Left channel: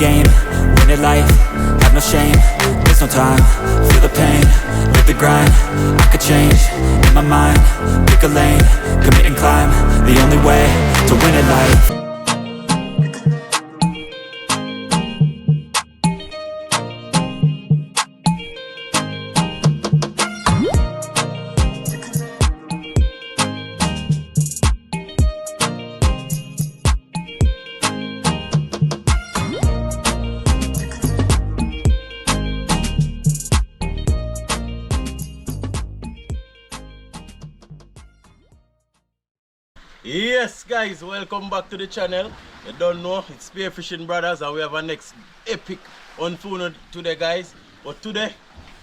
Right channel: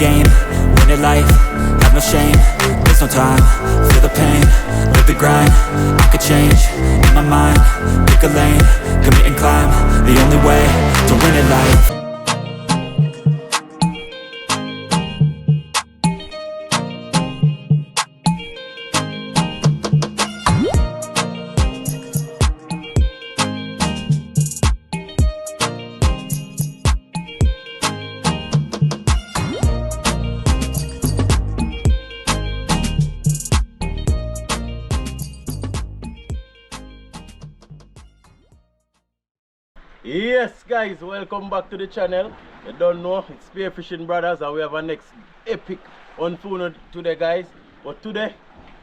game, win at life, have no shame. There's no time, feel the pain, live the grind. I could change, in my mind, pick a lane, commit and climb. The only way to win at life. Yes guys, welcome back to the channel. You don't know, it's Spearfishing Brothers and we have a next epic unfold today guys. But today,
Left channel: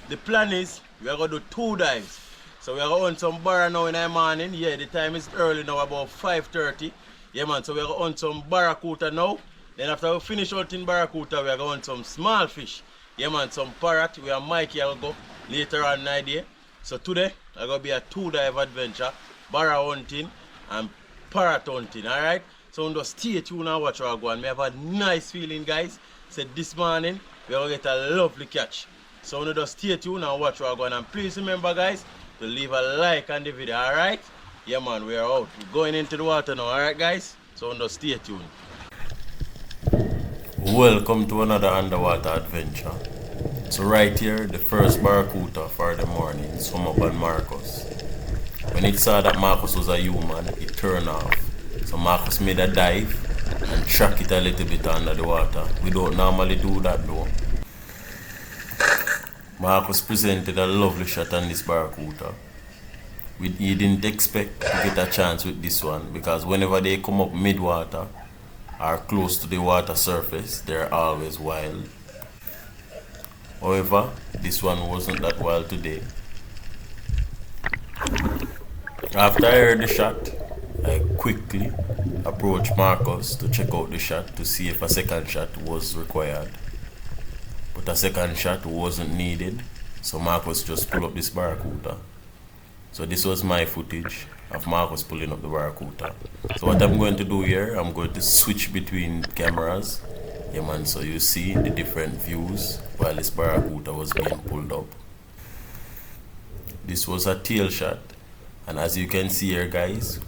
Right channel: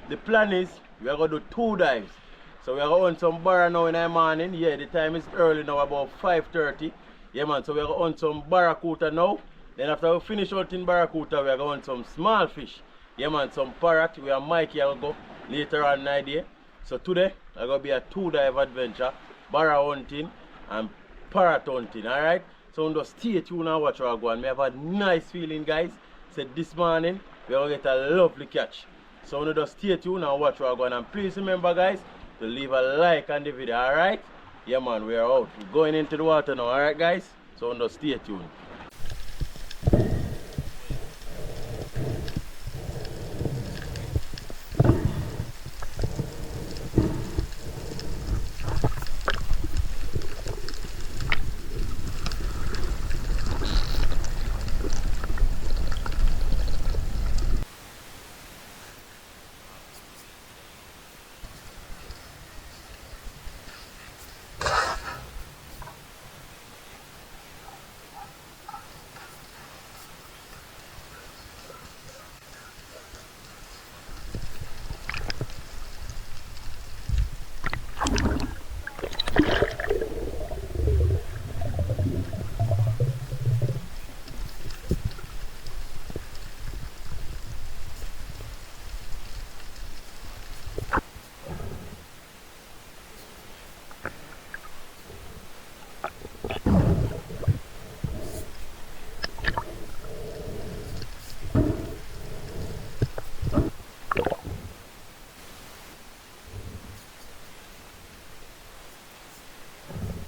the plan is we are going to do 2 dives. So we are going to hunt some barra now in the morning. Yeah, the time is early now, about 5:30. Yeah man, so we are going to hunt some barracuda now. Then after we finish hunting barracuda, we are going to hunt some small fish. Yeah man, some parrot. We are Mikey will go later on in the day. So today, it's going to be a 2 dive adventure. Barra hunting and parrot hunting, alright? So just stay tuned and watch our go. And we have a nice feeling guys. Said this morning we are gonna get a lovely catch. So just stay tuned and watch our go. And please remember guys to leave a like on the video, alright? Yeah man, we are out. We're going into the water now, alright guys? So just stay tuned. Welcome to another underwater adventure. So right here, the first barracuda for the morning swam up on Marcus. When it saw that Marcus was a human, it turned off. So Marcus made a dive and track it a little bit under the water. We don't normally do that though. Marcus presented a lovely shot on this barracuda. He didn't expect to get a chance with this one because whenever they come up mid-water or close to the water surface, they're always wild. However, this one wasn't that wild today. After I heard the shot, I quickly approached Marcus to check out the shot to see if a second shot was required. But a second shot wasn't needed, so Marcus just pulled up this barracuda. So this was my footage of Marcus pulling up the barracuda. So what I'm going to do here, I'm going to switch between cameras. Yeah man, so you see the different views while this barracuda was being pulled up. This was a tail shot. And as you can see here guys,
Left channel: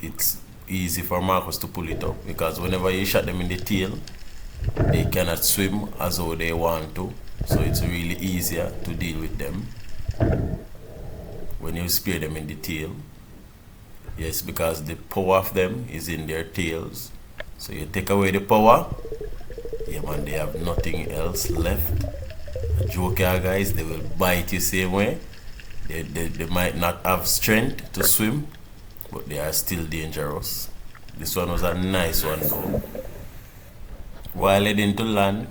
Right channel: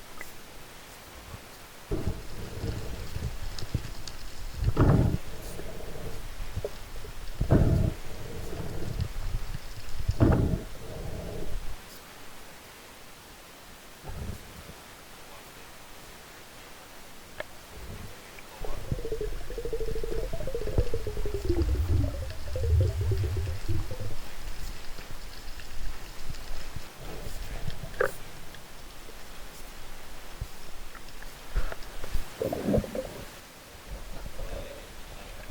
it's easy for Marcus to pull it up because whenever you shot them in the tail, they cannot swim as though they want to. So it's really easier to deal with them when you spear them in the tail. Yes, because the power of them is in their tails. So you take away the power, yeah man, they have nothing else left. The joke here guys, they will bite you same way. They might not have strength to swim, but they are still dangerous. This one was a nice one though. While heading to land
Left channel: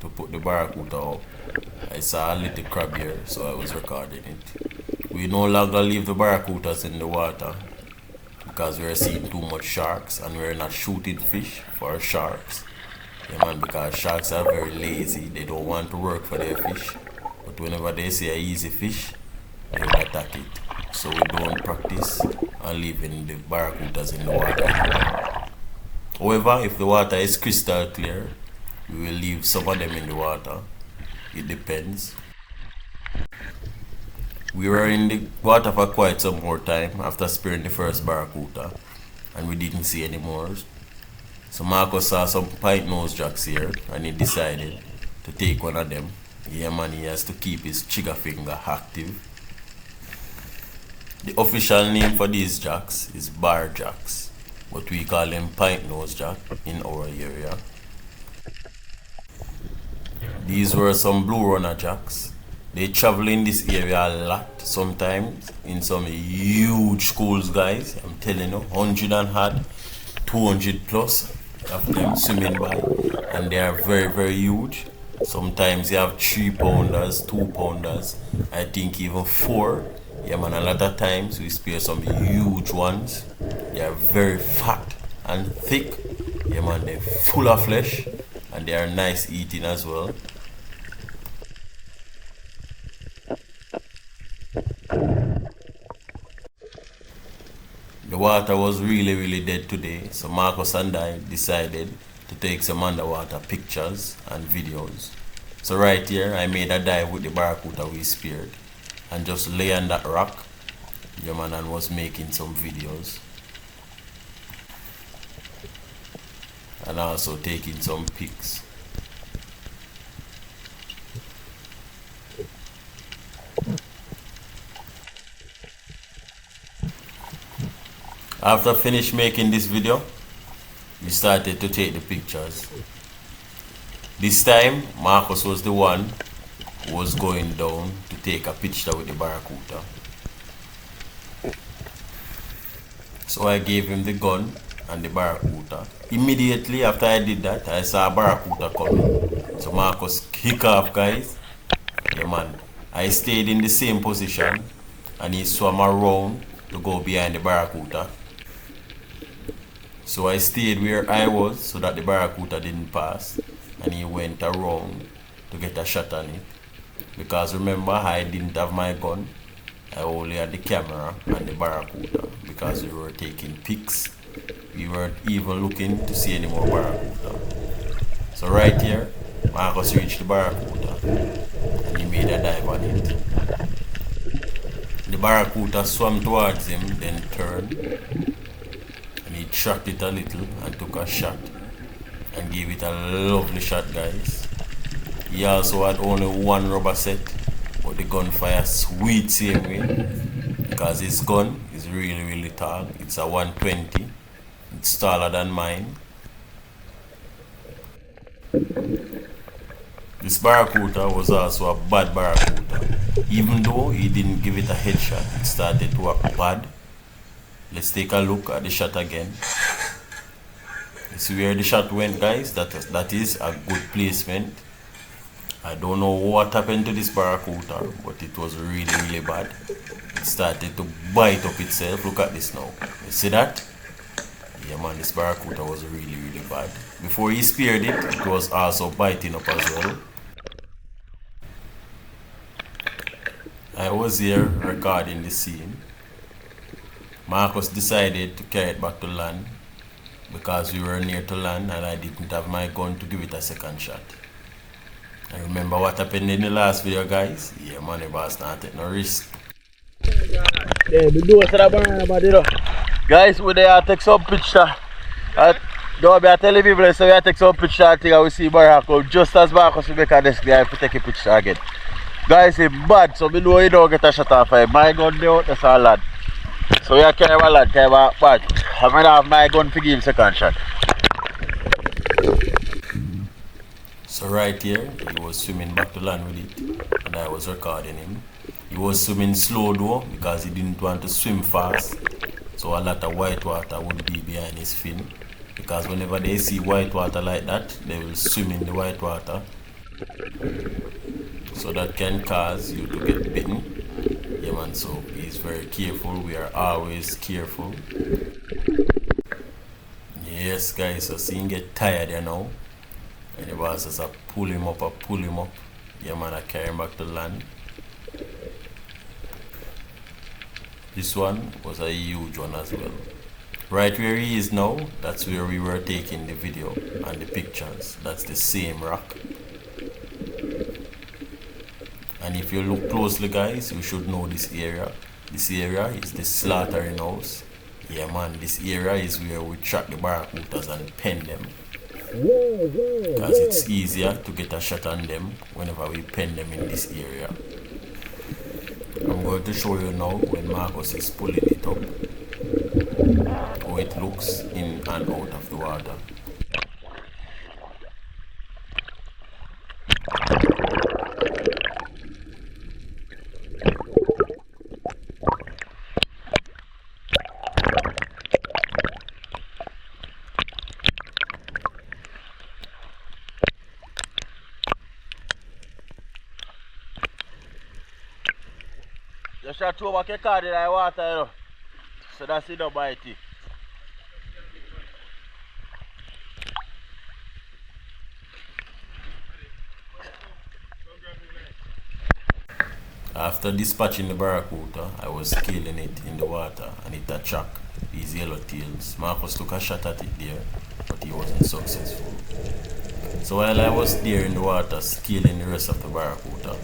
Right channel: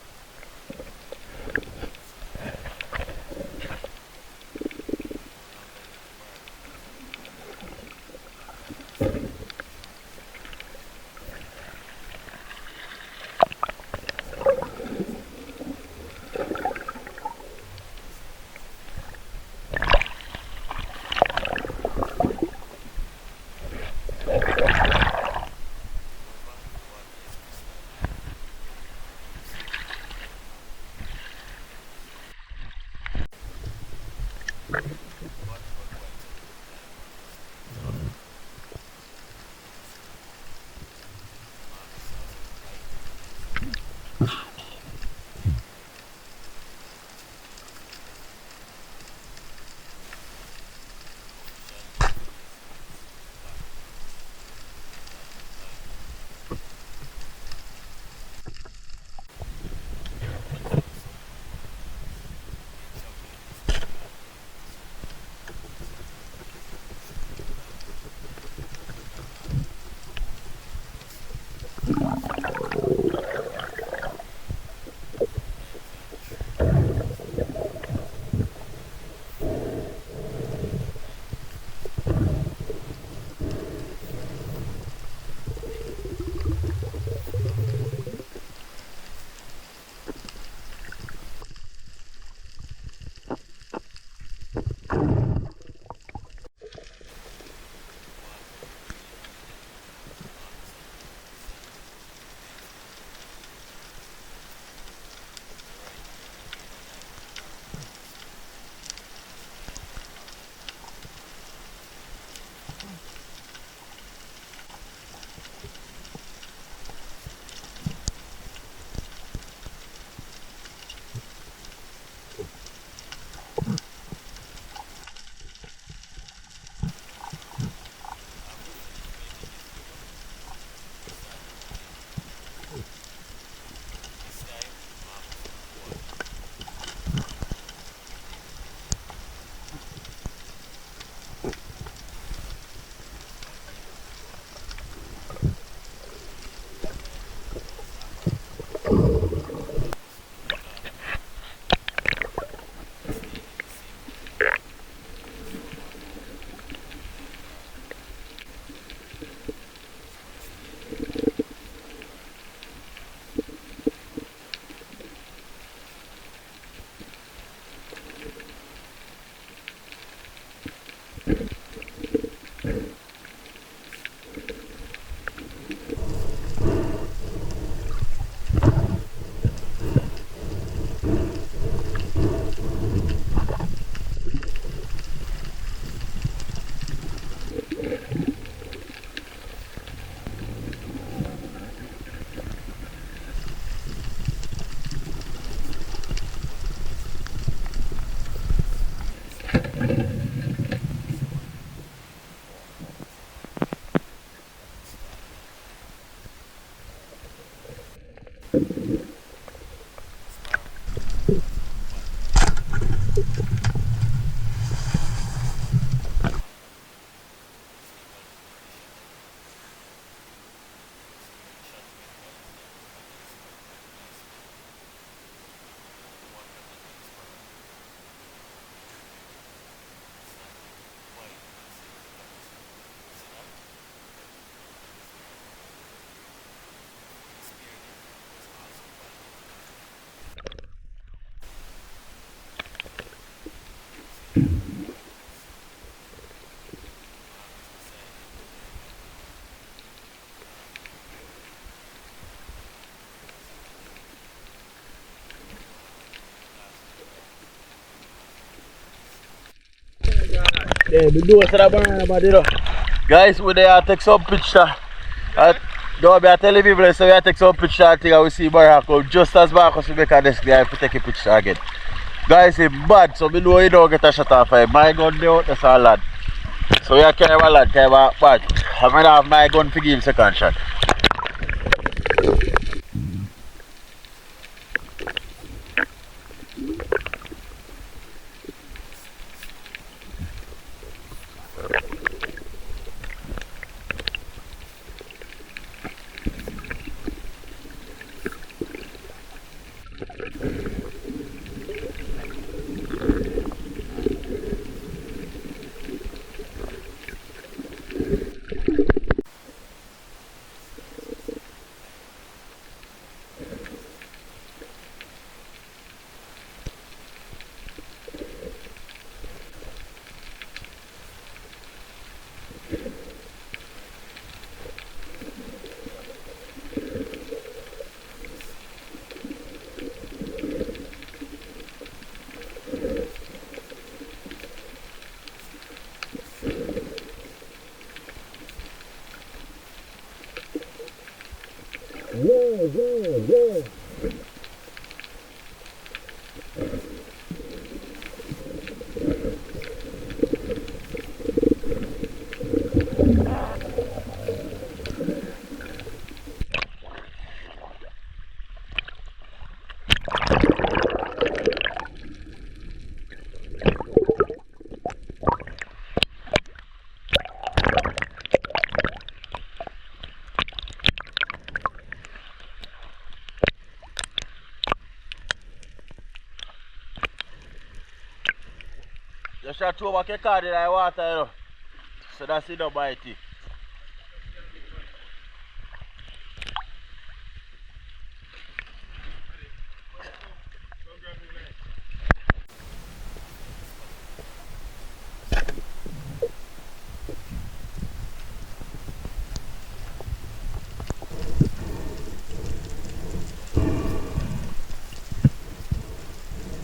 to put the barracuda up, I saw a little crab here, so I was recording it. We no longer leave the barracudas in the water because we are seeing too much sharks and we are not shooting fish for sharks. Yeah, man, because sharks are very lazy, they don't want to work for their fish. But whenever they see an easy fish, they will attack it. So we don't practice on leaving the barracudas in the water. However, if the water is crystal clear, we will leave some of them in the water. It depends. We were in the water for quite some more time after spearing the first barracuda, and we didn't see any more. So Marcus saw some pint nose jacks here and he decided to take one of them. Yeah man, he has to keep his trigger finger active. The official name for these jacks is bar jacks, but we call them pint nose jack in our area. These were some blue runner jacks. They travel in this area a lot, sometimes in some huge schools guys. I'm telling you, 100 and had 200 plus of them swimming by, and they are very very huge. Sometimes you have 3 pounders, 2 pounders, I think even 4. Yeah man, a lot of times we spear some huge ones. They are very fat and thick. Yeah man, they're full of flesh and they are nice eating as well. The water was really dead today, so Marcus and I decided to take some underwater pictures and videos. So right here I made a dive with the barracuda we speared and just lay on that rock, yeah man, and was making some videos and also taking some pics. After finish making this video, we started to take the pictures. This time Marcus was the one who was going down to take a picture with the barracuda. So I gave him the gun and the barracuda. Immediately after I did that, I saw a barracuda coming. So Marcus kick off, guys. Yeah man, I stayed in the same position and he swam around to go behind the barracuda. So I stayed where I was so that the barracuda didn't pass, and he went around to get a shot on it. Because remember, I didn't have my gun, I only had the camera and the barracuda because we were taking pics. We weren't even looking to see any more barracuda. So right here, Marcus reached the barracuda and he made a dive on it. The barracuda swam towards him, then turned. Tracked it a little and took a shot and gave it a lovely shot, guys. He also had only one rubber set, but the gunfire sweet saved me because his gun is really tall. It's a 120. It's taller than mine. This barracuda was also a bad barracuda. Even though he didn't give it a headshot, it started to work bad. Let's take a look at the shot again. You see where the shot went, guys? That is a good placement. I don't know what happened to this barracuda, but it was really bad. It started to bite up itself. Look at this now. You see that? Yeah man, this barracuda was really bad. Before he speared it, it was also biting up as well. I was here recording the scene. Marcus decided to carry it back to land because we were near to land and I didn't have my gun to give it a second shot. And remember what happened in the last video, guys? Yeah man, the boss not take no risk. Yeah, the door to the banana, but you know. Guys, we there take some picture. Don't be telling people so we take some picture and think we see Barracuda just as Marcus will make a desk there if we take a picture again. Guys, it's bad, so we know you don't get a shot off him. My gun there out there so lad. So we are carrying a lad, carrying a bad. I'm gonna have my gun to give him second shot. So right here, he was swimming back to land with it and I was recording him. He was swimming slow though because he didn't want to swim fast. So a lot of white water would be behind his fin. Because whenever they see white water like that, they will swim in the white water. So that can cause you to get bitten. Yeah man, so please very careful. We are always careful. Yes guys, so see him get tired you know. And the boss just pull him up. Yeah man, I carry him back to land. This one was a huge one as well. Right where he is now, that's where we were taking the video and the pictures. That's the same rock. And if you look closely guys, you should know this area. This area is the slaughtering house. Yeah man, this area is where we track the barracudas and pen them. Because it's easier to get a shot on them whenever we pen them in this area. I'm going to show you now when Marcus is pulling it up, how it looks in and out of the water. Just try to throw back your card in the water, you know. So that's it, don't bite it. After dispatching the barracuda, I was killing it in the water and it attract these yellowtails. Marcus took a shot at it there, but he wasn't successful. So while I was there in the water scaling the rest of the barracuda,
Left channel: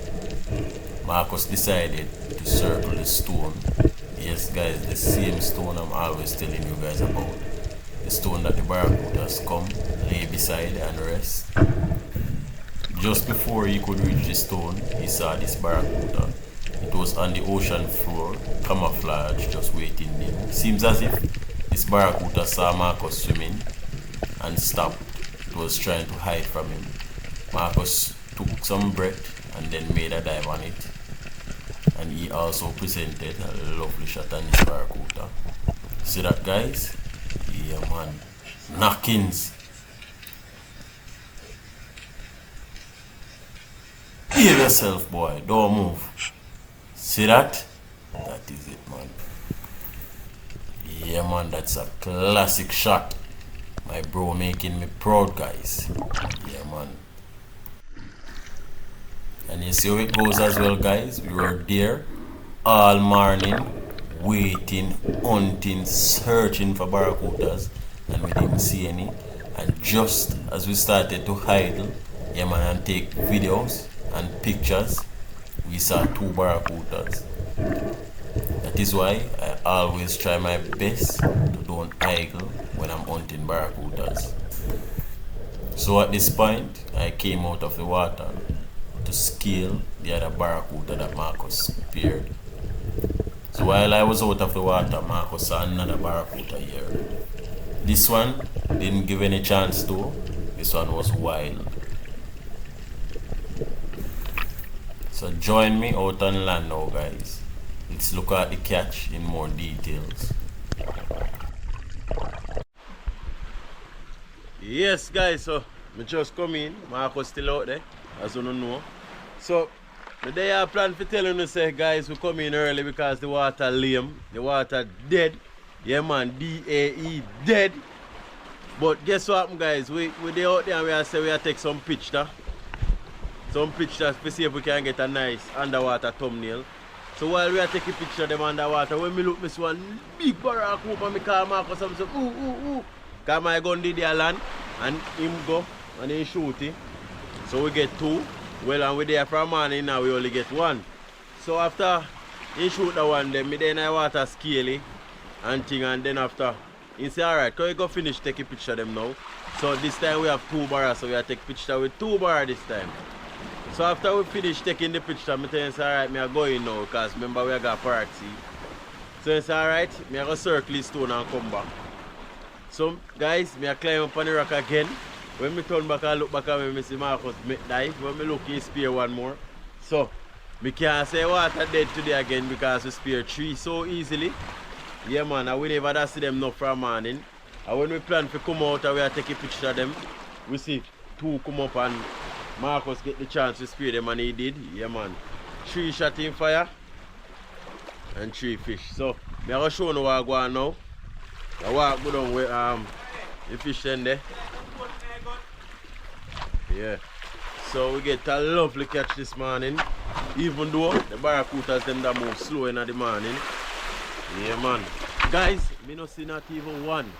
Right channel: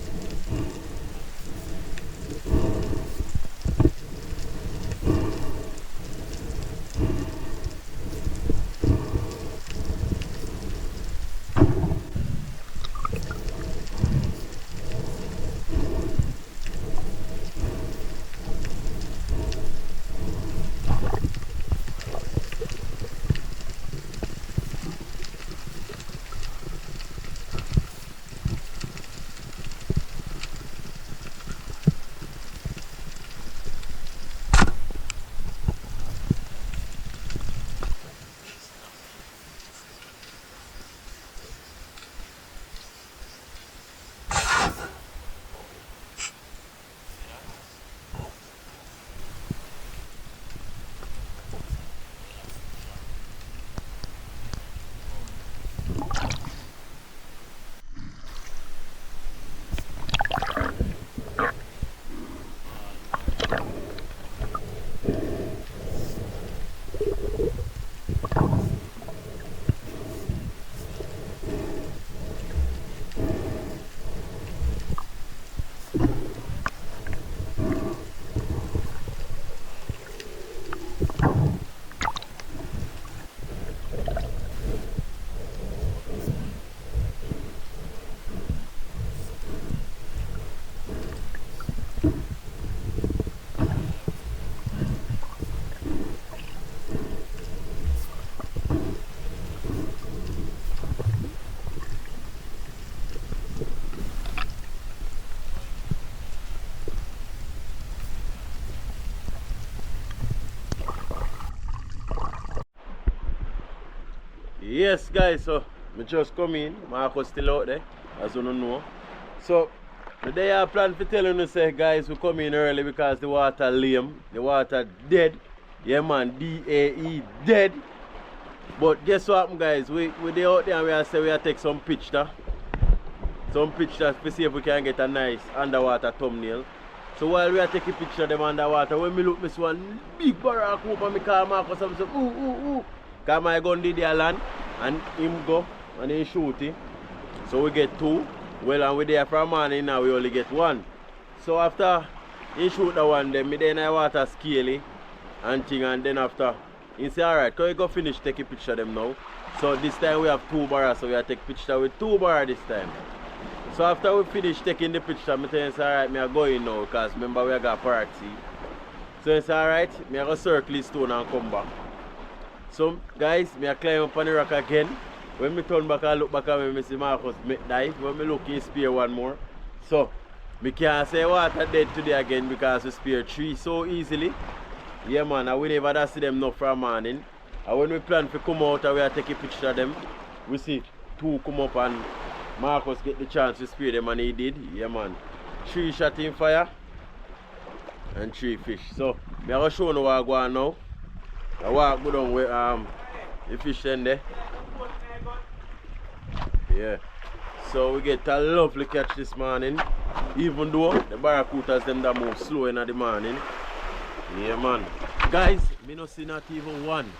Marcus decided to circle the stone. Yes guys, the same stone I'm always telling you guys about. The stone that the barracudas come, lay beside and rest. Just before he could reach the stone, he saw this barracuda. It was on the ocean floor, camouflage, just waiting there. Seems as if this barracuda saw Marcus swimming and stopped. It was trying to hide from him. Marcus took some breath and then made a dive on it. And he also presented a lovely shot on his barracuda. See that guys? Yeah man. Knockings. Behave yourself boy, don't move. See that? That is it man. Yeah man, that's a classic shot. My bro making me proud guys. Yeah man. And you see how it goes as well guys. We were there all morning waiting, hunting, searching for barracudas and we didn't see any. And just as we started to idle, yeah man, and take videos and pictures, we saw 2 barracudas. That is why I always try my best to don't idle when I'm hunting barracudas. So at this point, I came out of the water to scale the other barracuda that Marcus speared. So while I was out of the water, Marcus saw another barracuda here. This one didn't give any chance to. This one was wild. So join me out on land now guys. Let's look at the catch in more details. Yes guys, so I just come in, Marcus still out there, as you don't know. So today I plan to tell you say guys we come in early because the water lame, the water dead. Yeah man, DAE dead. But guess what guys, we there out there and we say we take some picture. Some pictures to see if we can get a nice underwater thumbnail. So while we are taking picture of them underwater, when me look, me see one big barracuda and me call Marcus and say, ooh. Because my gun did the land and him go and he shoot it. So we get 2. Well, and we there from morning now we only get 1. So after he shoot the one, then me then I water scale it and thing, and then after he say, alright, can we go finish taking picture of them now? So this time we have 2 barras, so we are take picture with 2 barras this time. So after we finish taking the picture, I tell him, alright, me are going now because remember we got Parrots. So he say, alright, me are going to circle this stone and come back. So guys, me are climb up on the rock again. When me turn back and look back at me, I see Marcus make dive. When me look, he spear 1 more. So me can't say water dead today again because we spear 3 so easily. Yeah man, and we never see them enough from morning. And when we plan to come out and we are taking picture of them, we see 2 come up and Marcus get the chance to spear them and he did. Yeah man. 3 shot in fire and 3 fish. So me are going to show you what I go on now. I walk go down with the fish in there. Yeah. So we get a lovely catch this morning. Even though the barracudas them that move slow in the morning. Yeah man. Guys, me no see not even 1.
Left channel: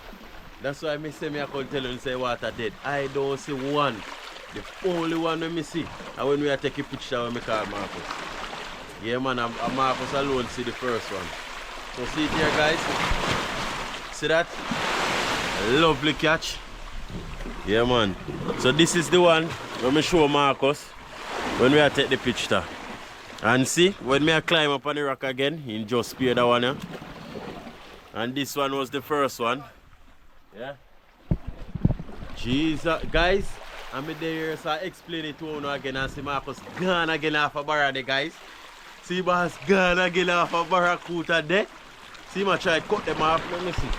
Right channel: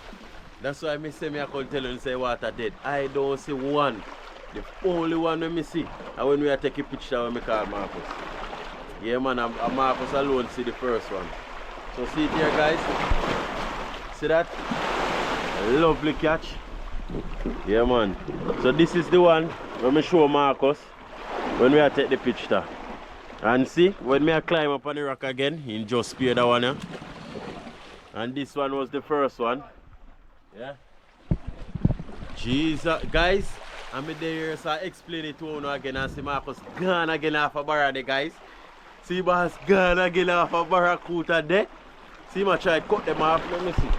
That's why me say me I can tell you and say water dead. I don't see 1. The only one we see and when we are taking picture when we call Marcus. Yeah man, and Marcus alone see the first one. So see it here guys. See that? A lovely catch. Yeah man. So this is the one when we show Marcus when we are take the picture. And see, when me I climb up on the rock again, he just speared that one here. And this one was the first one. Yeah. Jesus, guys. I'm there, so I explain it to you again and see Marcus gone again off a barracuda, guys. See boss gone again off a barracuda there. See him try to cut them off, let me see.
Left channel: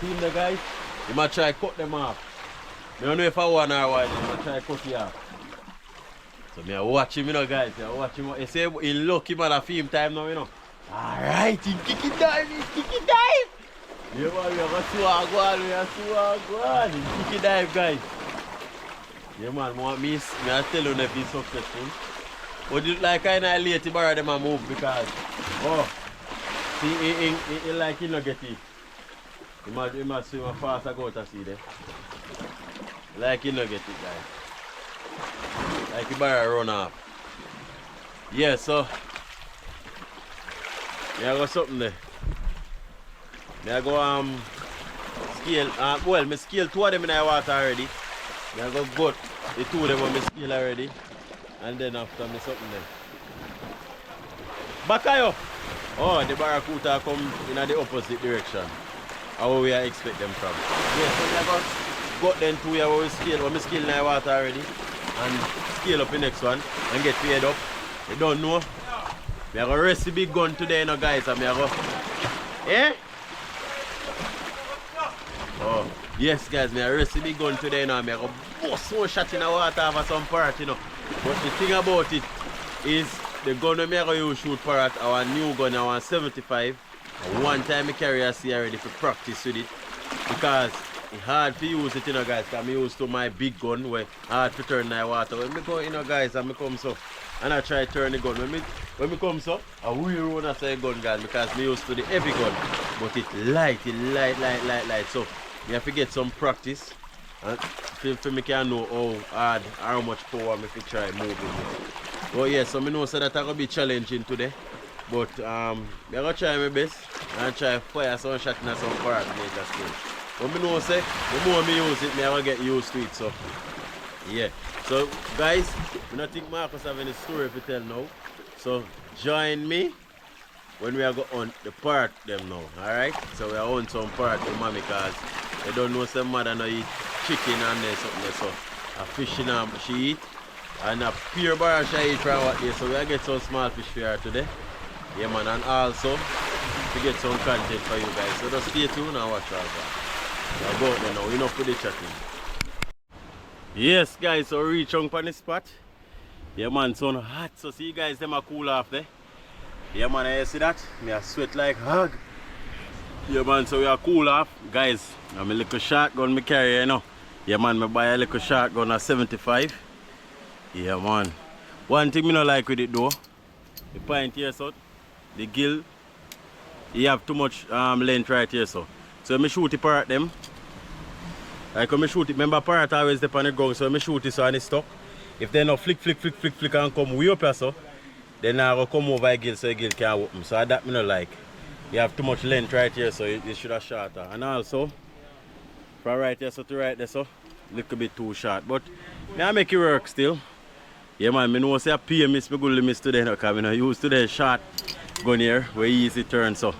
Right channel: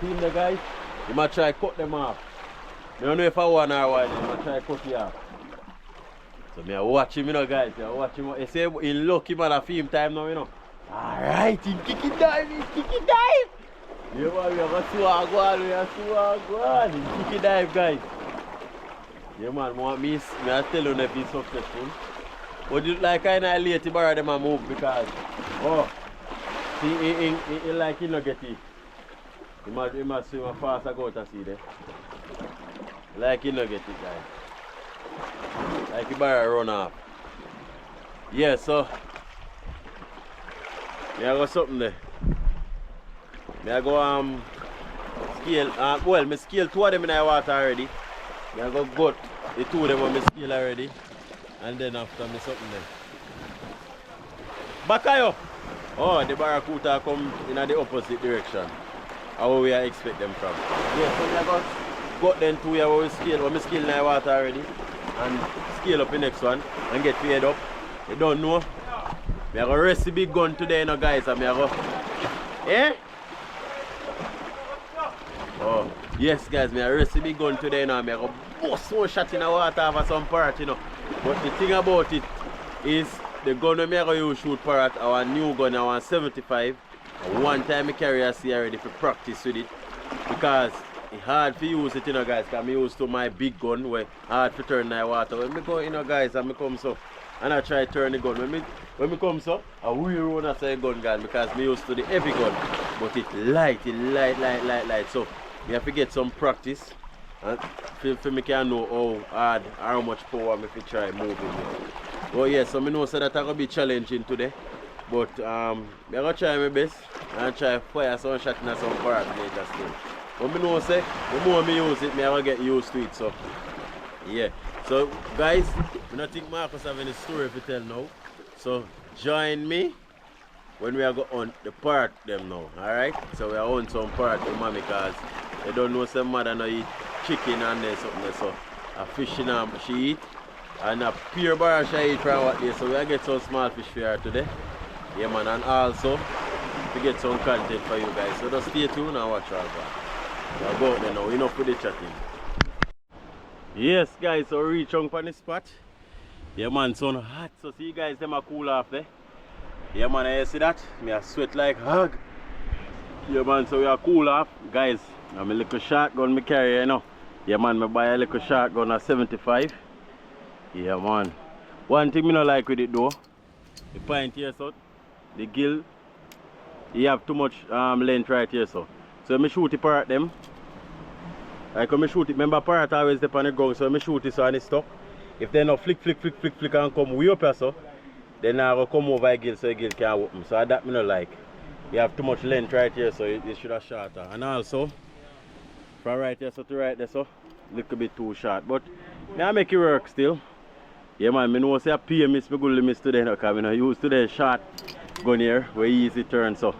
See him there guys? He might try to cut them off. I don't know if I want or what, he might try to cut it off. So I watch him, you know guys. I watch him. He say he lucky man a film time now, you know. Alright, he kick it dive, Yeah man, we have a swag one, He kick it dive guys. Yeah man, me I tell you if he's successful. But it like kind of late to borrow them a move because see he like he not get it. You must swim fast and go out to sea there. Like you not get it, guys. Like you better run off. Yeah, so I got something there. I go scale well, me scale 2 of them in the water already. I go gut the 2 of them on me scale already. And then after me something there. Bakayo! Oh, the barracuda come in the opposite direction. How we expect them from. Yeah, so I got them 2 here where we scale, when we scale in the water already. And scale up the next one and get paid up. You don't know. We are going to rest the big gun today, you know, guys. And we are going eh? Oh, yes, guys. We are rest the big gun today, you know. We are going to bust one shot in the water for some parrot, you know. But the thing about it is the gun we are going to use shoot parrot, our new gun, our 75. And one time I carry a C already for practice with it. Because it's hard to use it, you know, guys. Because I use to my big gun where hard to turn the water. When I go, you know, guys, and I come so. And I try to turn the gun. When I come so, I will run after the gun, guys, because I used to the heavy gun. But it's light. So you have to get some practice. And for me can know how much power I can try moving it. But yeah, so I know so that I'm going to be challenging today. But I'm going to try my best and try fire some shot in some parrot later still. But I know say, the more I use it, I'm going to get used to it. So yeah. So guys, I don't think Marcus have any story to tell now. So join me when we are going on the parrot them now. Alright? So we are on some parrot to mommy because they don't know some mother no eat chicken and there something. So a fish she eat and a pure bar she eat from what day. So we are get some small fish for her today. Yeah man, and also to get some content for you guys. So just stay tuned and watch our back. We are going there now, enough with the chatting. Yes guys, so reach on the spot. Yeah man, sun hot, so see you guys them a cool off there. Yeah man, you see that? Me a sweat like hog. Yeah man, so we are cool off. Guys, I'm a little shotgun me carry, you know. Yeah man, me buy a little shotgun at 75. Yeah man. One thing me not like with it though, the point here so, the gill, you have too much length right here so. So me shoot the parrot them. Like when I shoot it, remember parrot always dip on the ground, so when I shoot it so and it's stuck. If they not flick and come way up here so, then I will come over again so the gill can open. So that me not like. You have too much length right here so it should have shorter. And also, from right here so to right there so, little bit too short. But I make it work still. Yeah man, I know say I pay miss, I go miss today because I use today short gun here where easy turn so.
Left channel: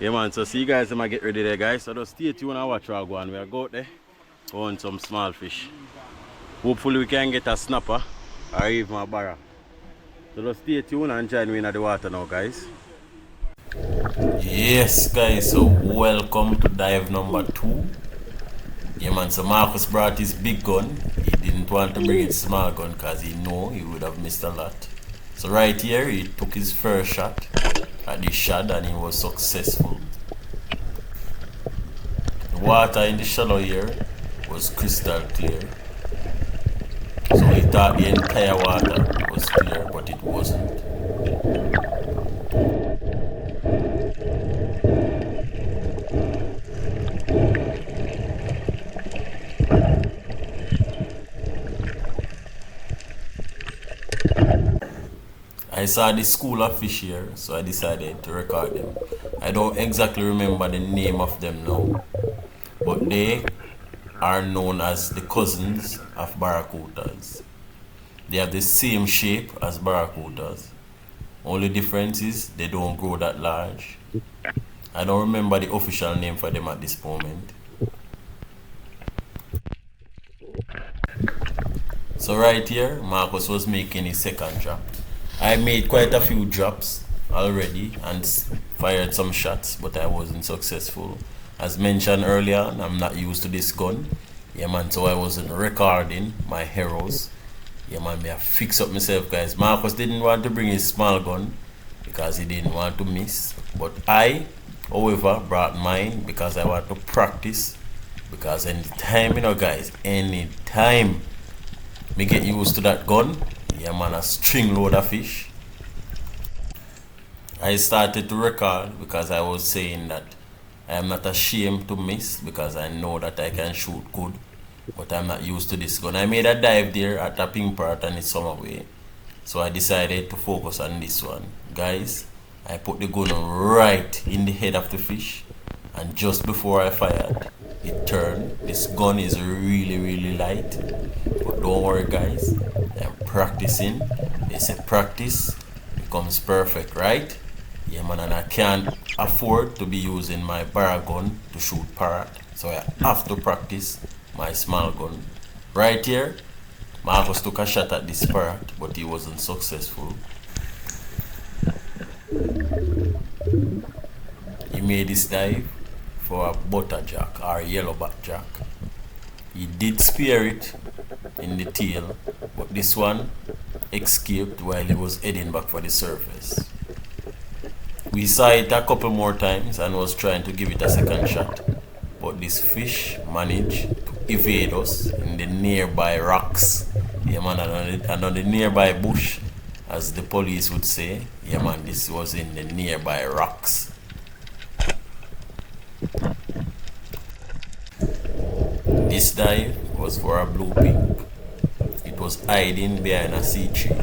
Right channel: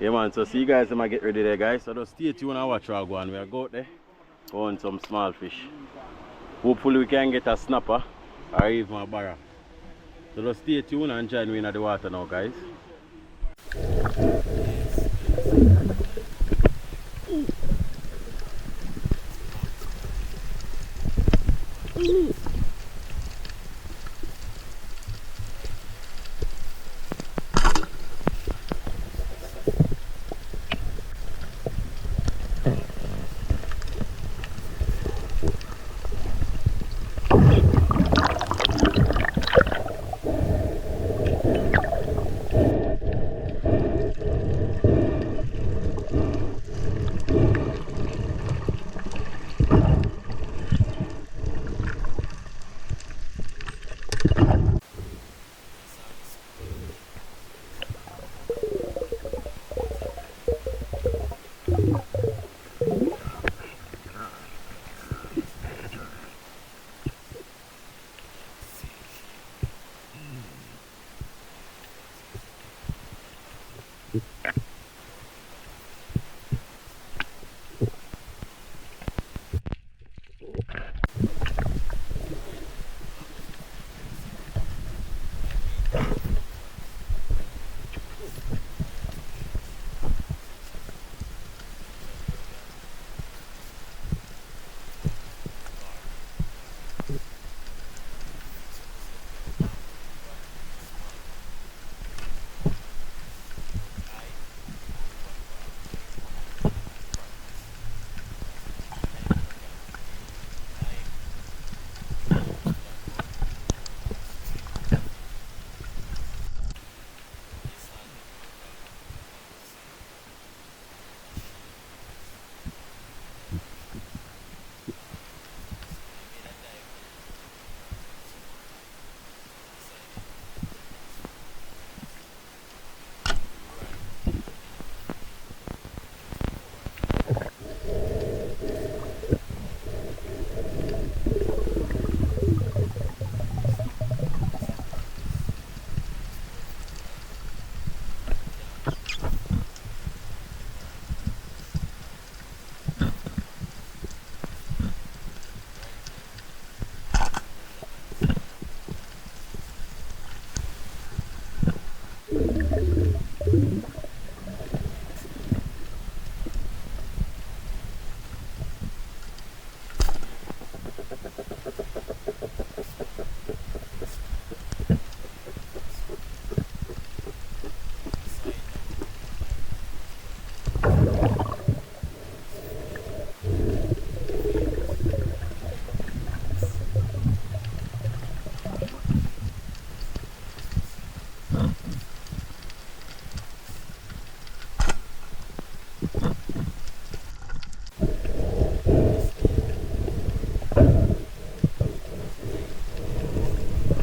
Yeah man, so see you guys when I get ready there guys. So just stay tuned and watch our go on. We are go out there, go on some small fish. Hopefully we can get a snapper or even a barra. So just stay tuned and join me in the water now guys. Yes guys, so welcome to dive number 2. Yeah man, so Marcus brought his big gun. He didn't want to bring his small gun because he know he would have missed a lot. So right here he took his first shot at the shad and he was successful. The water in the shallow here was crystal clear. So he thought the entire water was clear, but it wasn't. I saw this school of fish here, so I decided to record them. I don't exactly remember the name of them now, but they are known as the cousins of barracudas. They have the same shape as barracudas. Only difference is they don't grow that large. I don't remember the official name for them at this moment. So right here, Marcus was making his second drop. I made quite a few drops already and fired some shots, but I wasn't successful. As mentioned earlier, I'm not used to this gun. Yeah man, so I wasn't recording my heroes. Yeah man, I fix up myself guys. Marcus didn't want to bring his small gun because he didn't want to miss. But I, however, brought mine because I want to practice. Because anytime, you know guys, anytime me get used to that gun, yeah man, a string load of fish. I started to record because I was saying that I am not ashamed to miss because I know that I can shoot good, but I'm not used to this gun. I made a dive there at a pink parrot and it's some away. So I decided to focus on this one. Guys, I put the gun right in the head of the fish, and just before I fired, it turned. This gun is really light, but don't worry guys, I'm practicing. They say practice becomes perfect, right? Yeah man, and I can't afford to be using my barra gun to shoot parrot, so I have to practice my small gun. Right here, Marcus took a shot at this parrot, but he wasn't successful. He made this dive for a butterjack or yellowback jack. He did spear it in the tail, but this one escaped while he was heading back for the surface. We saw it a couple more times and was trying to give it a second shot, but this fish managed to evade us in the nearby rocks. Yeah man, and on the nearby bush, as the police would say. Yeah man, this was in the nearby rocks. This dive was for a blue pink. It was hiding behind a sea tree.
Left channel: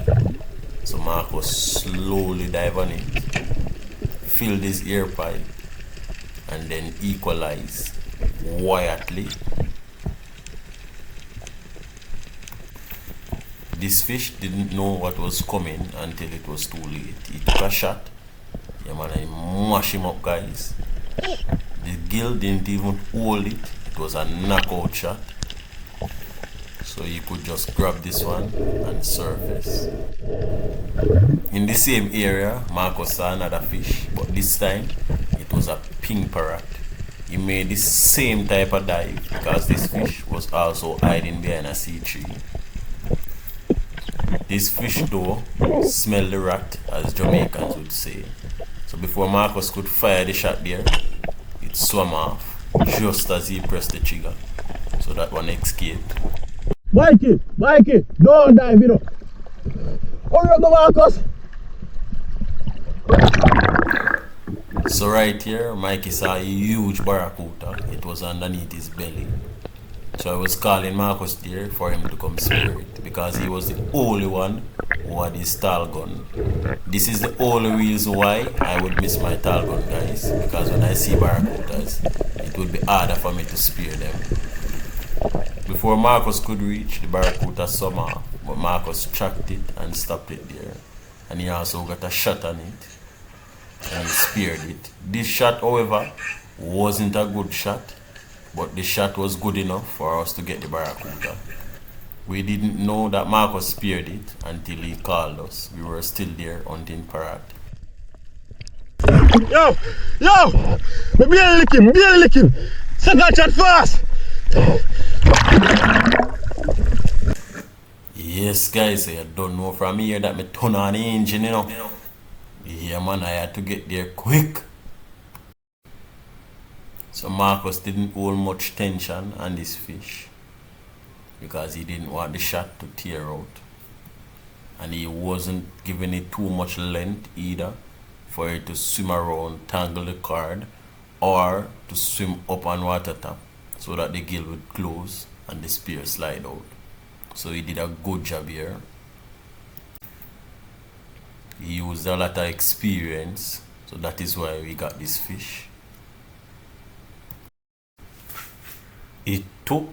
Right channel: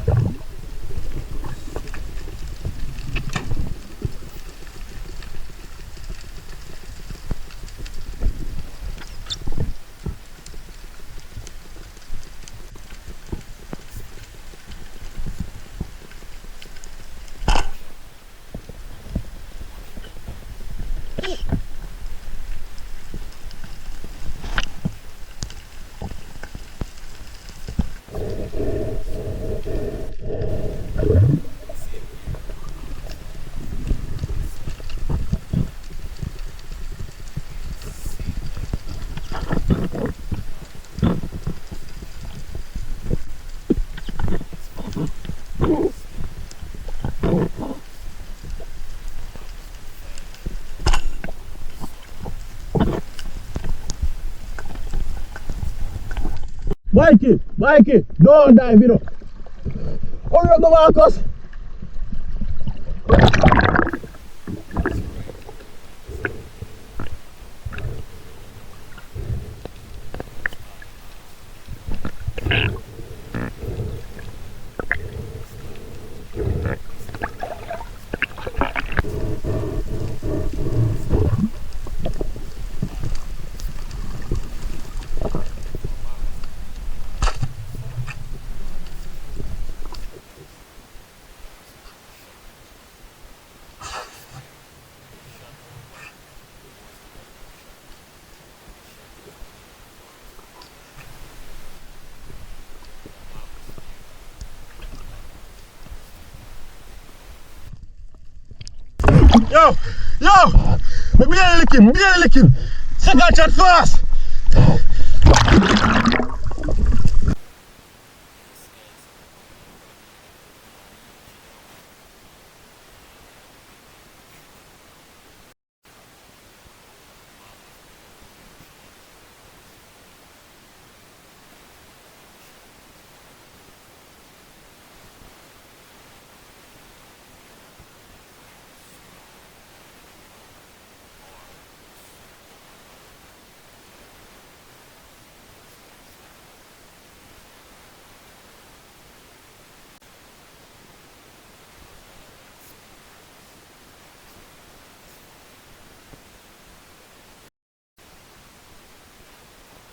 So Marcus slowly dive on it, filled his ear pipe, and then equalize quietly. This fish didn't know what was coming until it was too late. He took a shot. Yeah man, I mash him up guys. The gill didn't even hold it. It was a knockout shot. So you could just grab this one and surface. In the same area, Marcus saw another fish, but this time it was a pink parrot. He made the same type of dive because this fish was also hiding behind a sea tree. This fish though smelled the rat, as Jamaicans would say. So before Marcus could fire the shot there, it swam off just as he pressed the trigger. So that one escaped. Mikey, don't dive, you know. Hurry up, Marcus. So right here, Mikey saw a huge barracuda. It was underneath his belly. So I was calling Marcus there for him to come spear it because he was the only one who had his tall gun. This is the only reason why I would miss my tall gun guys, because when I see barracudas, it would be harder for me to spear them. Before Marcus could reach, the barracuda swam off, but Marcus tracked it and stopped it there. And he also got a shot on it and speared it. This shot, however, wasn't a good shot, but the shot was good enough for us to get the barracuda. We didn't know that Marcus speared it until he called us. We were still there hunting parrot. Yo! Me barely lick him. Second shot fast! Yes guys, so you don't know from here that me turn on the engine, you know. Yeah man, I had to get there quick. So Marcus didn't hold much tension on this fish because he didn't want the shot to tear out, and he wasn't giving it too much length either for it to swim around, tangle the cord, or to swim up on water top so that the gill would close and the spear slide out. So he did a good job here. He used a lot of experience, so that is why we got this fish. It took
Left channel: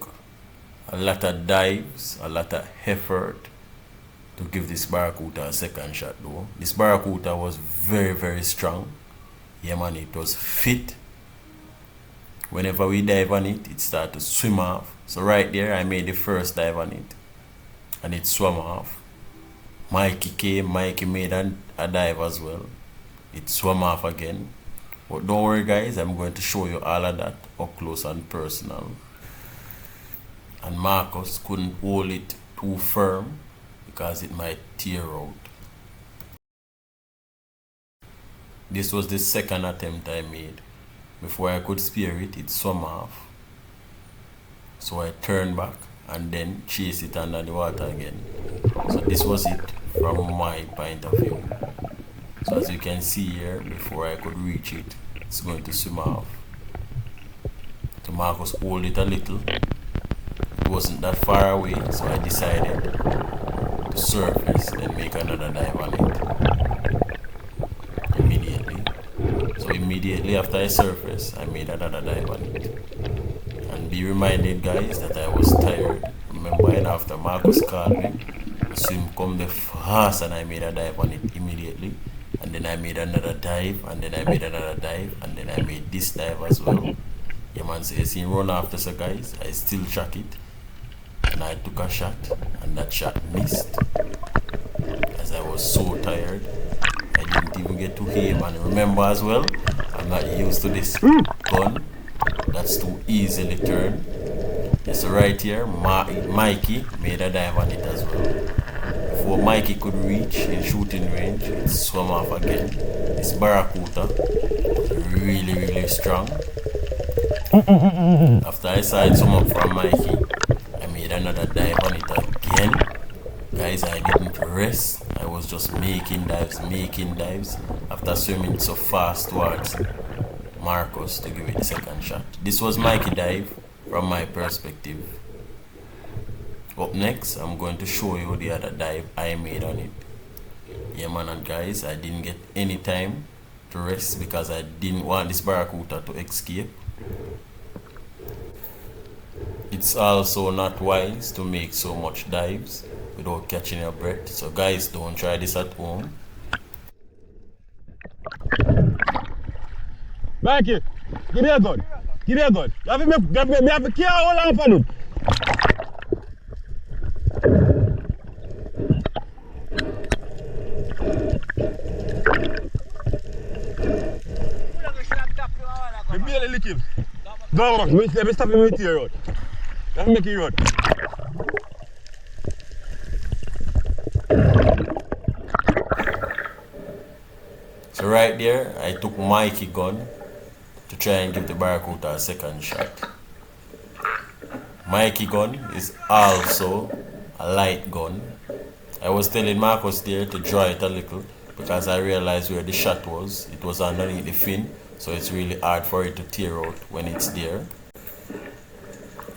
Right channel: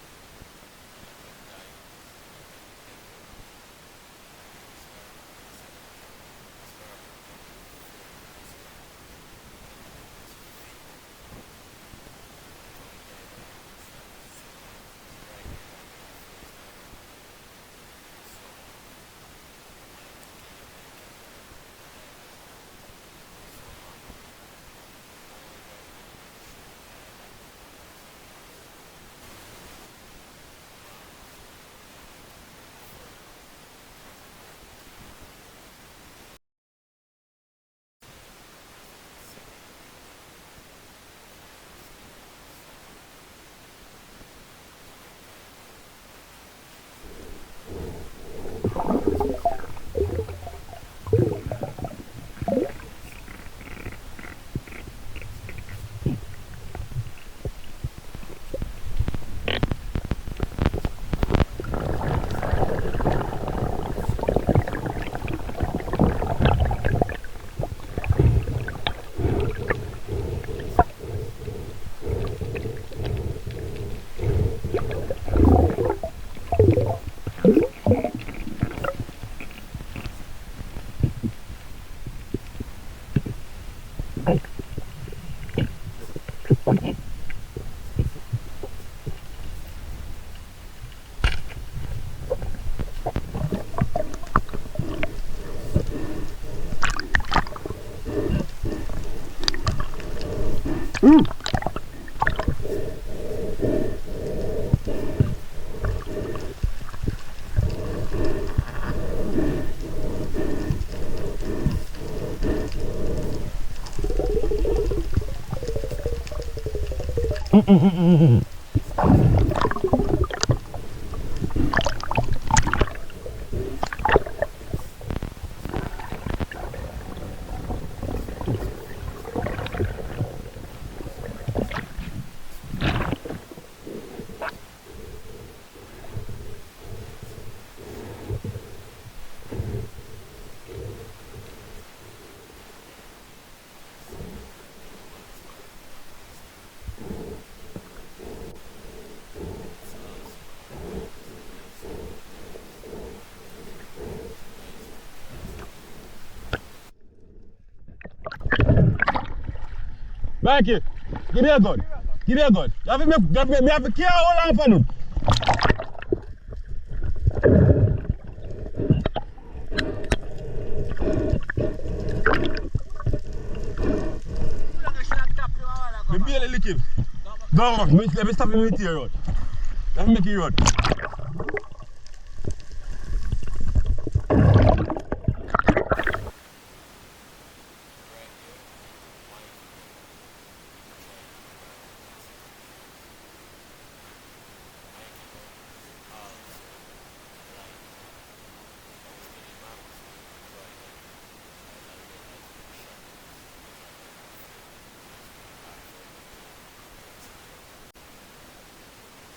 a lot of dives, a lot of effort to give this barracuda a second shot though. This barracuda was very strong. Yeah man, it was fit. Whenever we dive on it, it started to swim off. So right there, I made the first dive on it and it swam off. Mikey came, Mikey made a dive as well. It swam off again. But don't worry guys, I'm going to show you all of that up close and personal. And Marcus couldn't hold it too firm because it might tear out. This was the second attempt I made. Before I could spear it, it swam off. So I turned back and then chased it under the water again. So this was it from my point of view. So as you can see here, before I could reach it, it's going to swim off. Marcus pulled it a little. It wasn't that far away, so I decided to surface and make another dive on it immediately. So immediately after I surfaced, I made another dive on it. And be reminded, guys, that I was tired. Remember, and after Marcus called me, the swim come the fast, and I made a dive on it immediately. And then I made another dive, and then I made another dive, and then I made this dive as well. Yeah, man, so you see run after, so guys, I still track it. And I took a shot, and that shot missed. As I was so tired, I didn't even get to aim. And remember as well, I'm not used to this gun. That's too easily turned. So right here, Mikey made a dive on it as well. Before Mikey could reach in shooting range, it swam off again. This barracuda, really strong. After I saw it swim up from Mikey, I made another dive on it again. Guys, I didn't rest. I was just making dives. After swimming so fast towards Marcus to give it the second shot. This was Mikey dive from my perspective. Up next, I'm going to show you the other dive I made on it. Yeah, man, and guys, I didn't get any time to rest because I didn't want this barracuda to escape. It's also not wise to make so much dives without catching your breath. So guys, don't try this at home. Mikey, give me a gun. Give me a gun. You have to care all on for them. Me barely lick him. Go on, let me stop him with your road. Let me make you road. So right there, I took Mikey gun to try and give the barracuda a second shot. Mikey gun is also a light gun. I was telling Marcus there to draw it a little because I realized where the shot was. It was underneath the fin, so it's really hard for it to tear out when it's there.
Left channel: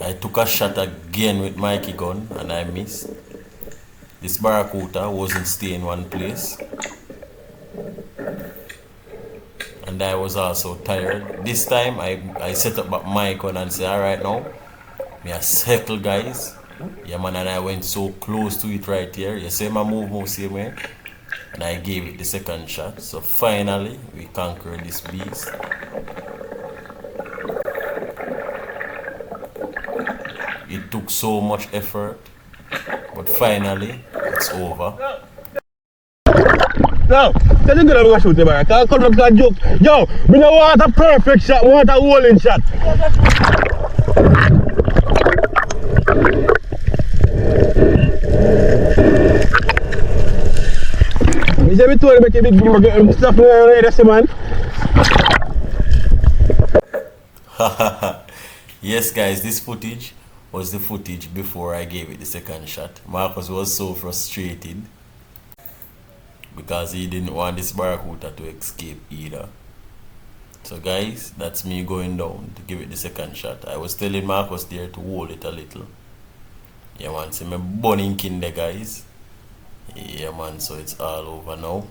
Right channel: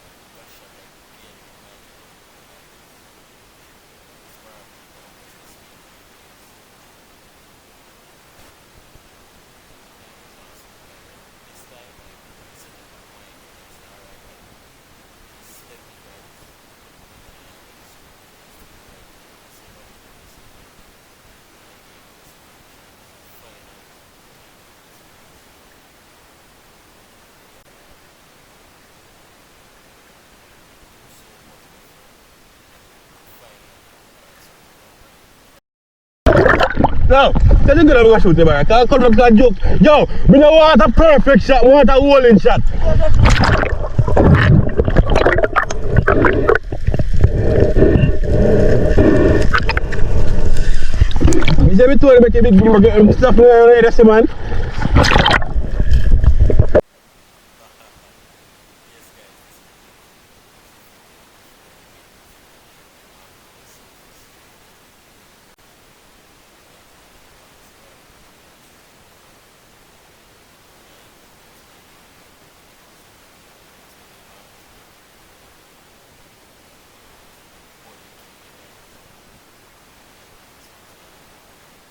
I took a shot again with Mikey gun and I missed. This barracuda wasn't staying in one place. And I was also tired. This time I set up my gun and say, alright now, me a circle, guys. Yeah, man, and I went so close to it right here. You see my move same way. And I gave it the second shot. So finally, we conquered this beast. It took so much effort, but finally, it's over. Now, tell you gonna shoot the barracuda. Can't come up to a joke. Yo, we don't want a perfect shot, we want a rolling shot. You see me told you make a big stuff ready, man. Yes, guys, this footage was the footage before I gave it the second shot. Marcus was so frustrated because he didn't want this barracuda to escape either. So guys, that's me going down to give it the second shot. I was telling Marcus there to hold it a little. Yeah, man, see me burning kin there, guys. Yeah, man, so it's all over now.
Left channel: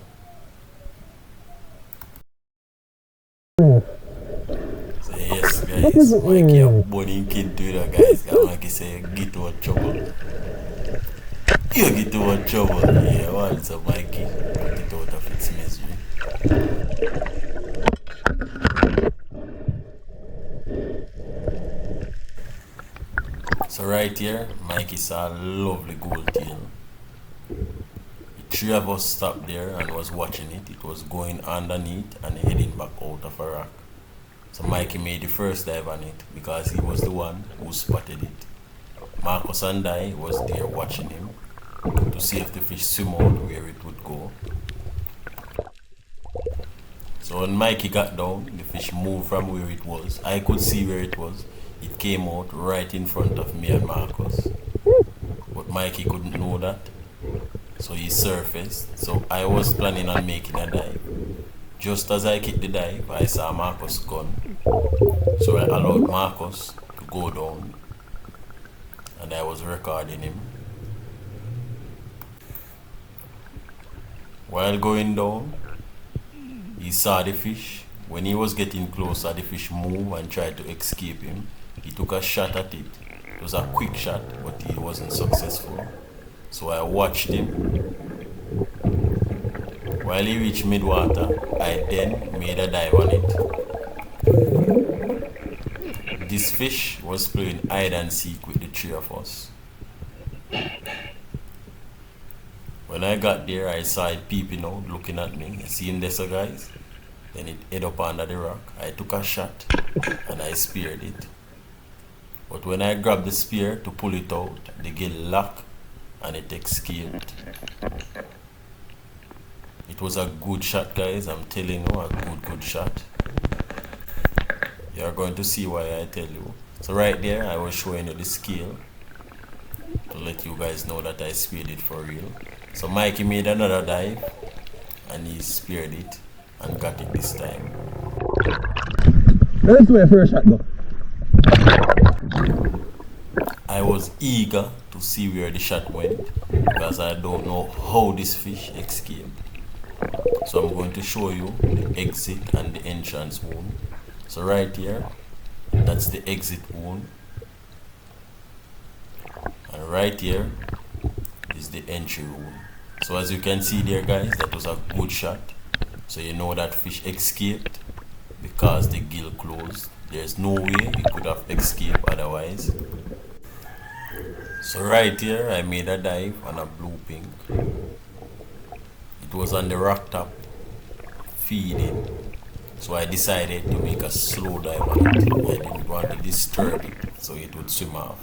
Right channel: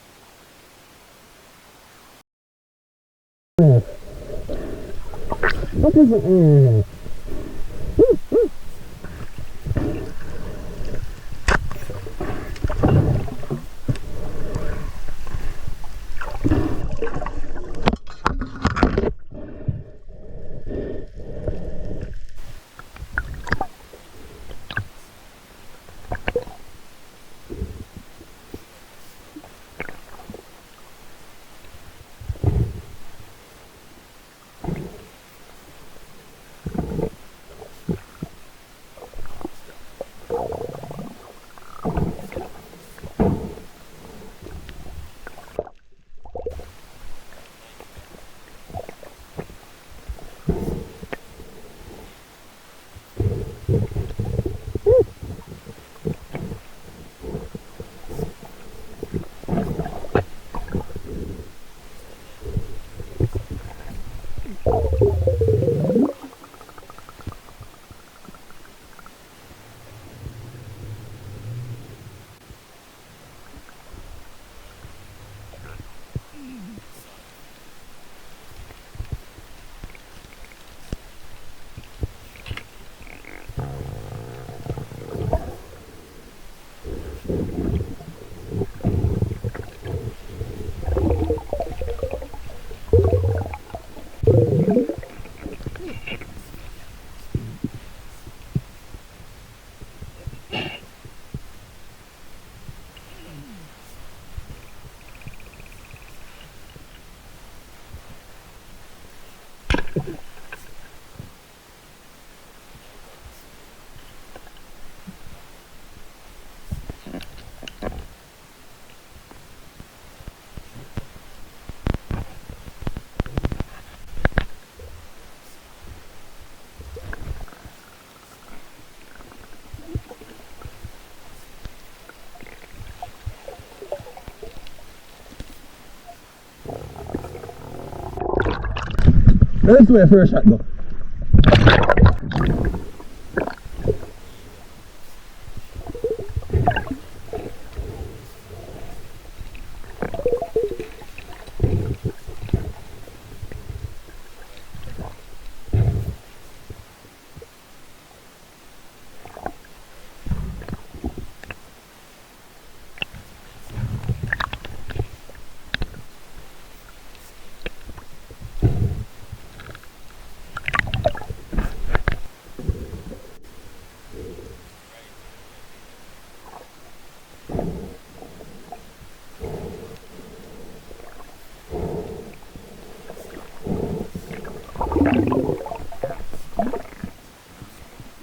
So yes, guys, Mikey a burning kin to you, guys. Mikey say, get what trouble. You get what trouble. Yeah, man, so Mikey get it out of its misery. So right here, Mikey saw a lovely gold tail. Three of us stopped there and was watching it. It was going underneath and heading back out of a rock. So Mikey made the first dive on it because he was the one who spotted it. Marcus and I was there watching him to see if the fish swim out where it would go. So when Mikey got down, the fish moved from where it was. I could see where it was. It came out right in front of me and Marcus. But Mikey couldn't know that. So he surfaced. So I was planning on making a dive. Just as I kicked the dive, I saw Marcus' gun. So I allowed Marcus go down, and I was recording him. While going down, he saw the fish. When he was getting closer, the fish moved and tried to escape him. He took a shot at it. It was a quick shot, but he wasn't successful. So I watched him. While he reached mid-water, I then made a dive on it. This fish was playing hide and seek with the three of us. When I got there, I saw it peeping out, looking at me. See him there, so guys? Then it hid up under the rock. I took a shot and I speared it. But when I grabbed the spear to pull it out, the gill locked and it escaped. It was a good shot, guys. I'm telling you, a good shot. You're going to see why I tell you. So right there, I was showing you the scale to let you guys know that I speared it for real. So Mikey made another dive and he speared it and got it this time. Let's do a first shot though. I was eager to see where the shot went because I don't know how this fish escaped. So I'm going to show you the exit and the entrance wound. So right here, that's the exit wound. And right here is the entry wound. So as you can see there, guys, that was a good shot. So you know that fish escaped because the gill closed. There's no way it could have escaped otherwise. So right here, I made a dive on a blue pink. It was on the rock top, feeding. So I decided to make a slow dive on it. I didn't want to disturb it so it would swim off.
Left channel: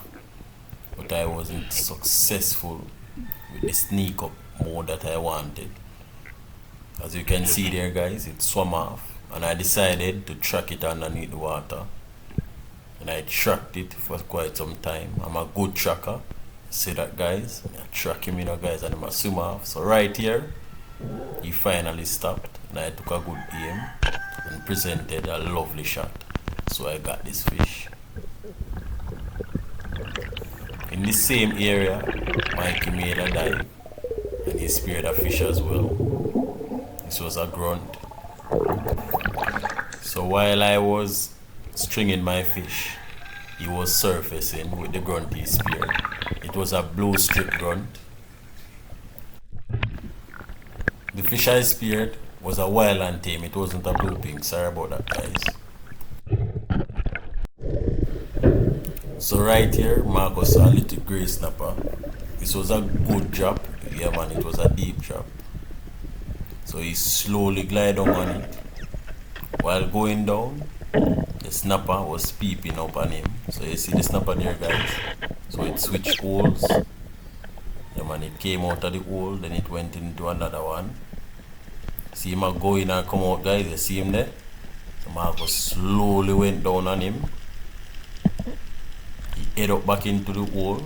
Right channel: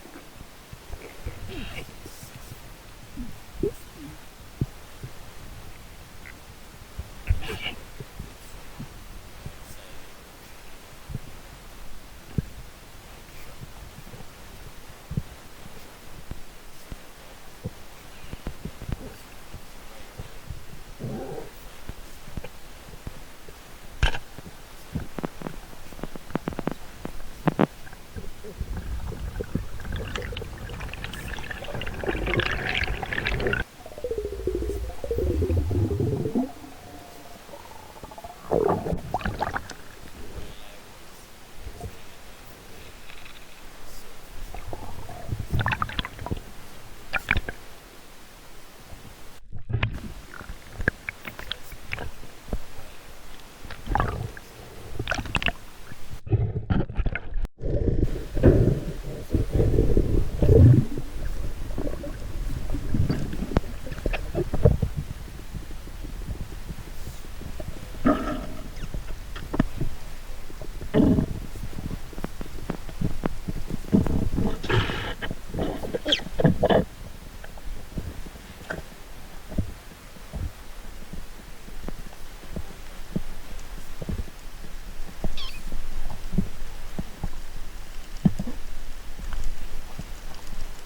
But I wasn't successful with the sneak up mode that I wanted. As you can see there, guys, it swam off. And I decided to track it underneath the water. And I tracked it for quite some time. I'm a good tracker. See that, guys? I track him, guys, and I'm a swim off. So right here, he finally stopped. And I took a good aim and presented a lovely shot. So I got this fish. In the same area, Mikey made a dive. And he speared a fish as well. This was a grunt. So while I was stringing my fish, he was surfacing with the grunt he speared. It was a blue strip grunt. The fish I speared was a wild and tame. It wasn't a blue pink. Sorry about that, guys. So right here, Marcus saw a little gray snapper. This was a good drop. Yeah, man, it was a deep drop. So he slowly glided on it. While going down, the snapper was peeping up on him. So you see the snapper there, guys. So it switched holes. Yeah, man, it came out of the hole, then it went into another one. See him go in and come out, guys. You see him there? So Marcus slowly went down on him. He head up back into the hole.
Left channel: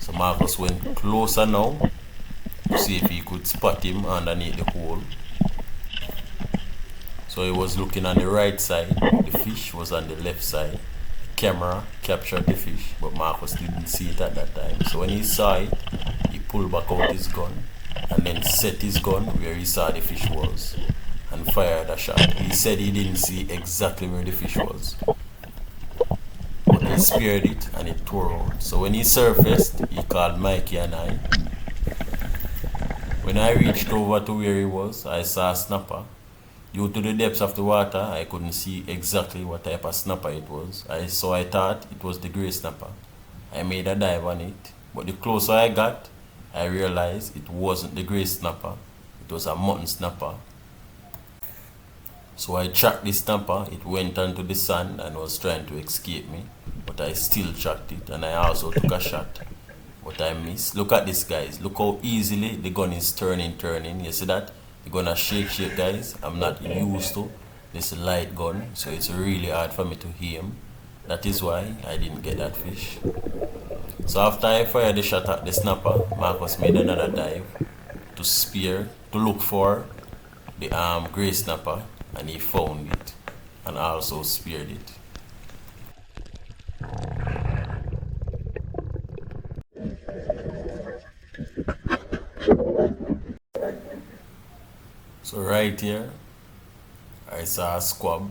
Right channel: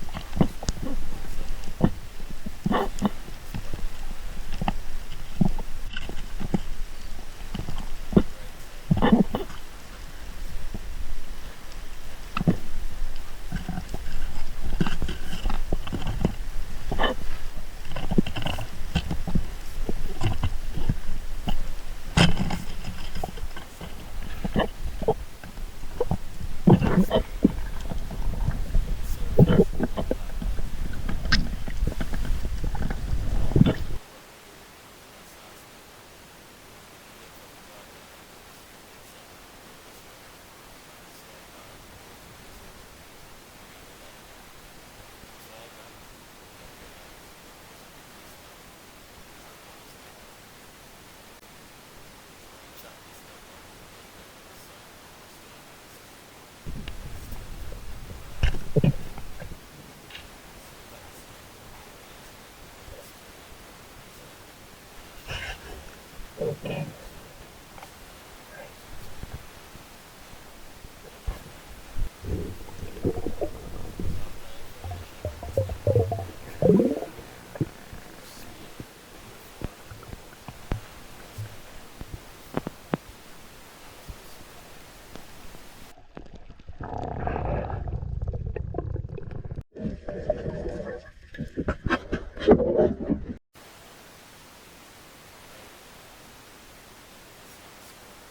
So Marcus went closer now to see if he could spot him underneath the hole. So he was looking on the right side, the fish was on the left side. The camera captured the fish, but Marcus didn't see it at that time. So when he saw it, he pulled back out his gun and then set his gun where he saw the fish was and fired a shot. He said he didn't see exactly where the fish was, but he speared it and it tore out. So when he surfaced, he called Mikey and I. When I reached over to where he was, I saw a snapper. Due to the depths of the water, I couldn't see exactly what type of snapper it was. So I thought it was the gray snapper. I made a dive on it, but the closer I got, I realized it wasn't the gray snapper. It was a mutton snapper. So I tracked the snapper. It went onto the sand and was trying to escape me, but I still tracked it and I also took a shot, but I missed. Look at this, guys. Look how easily the gun is turning. You see that? Gonna shake, guys. I'm not used to this light gun, so it's really hard for me to aim. That is why I didn't get that fish. So after I fired the shot at the snapper, Marcus made another dive to spear, to look for the gray snapper, and he found it and also speared it. right here, I saw a squab.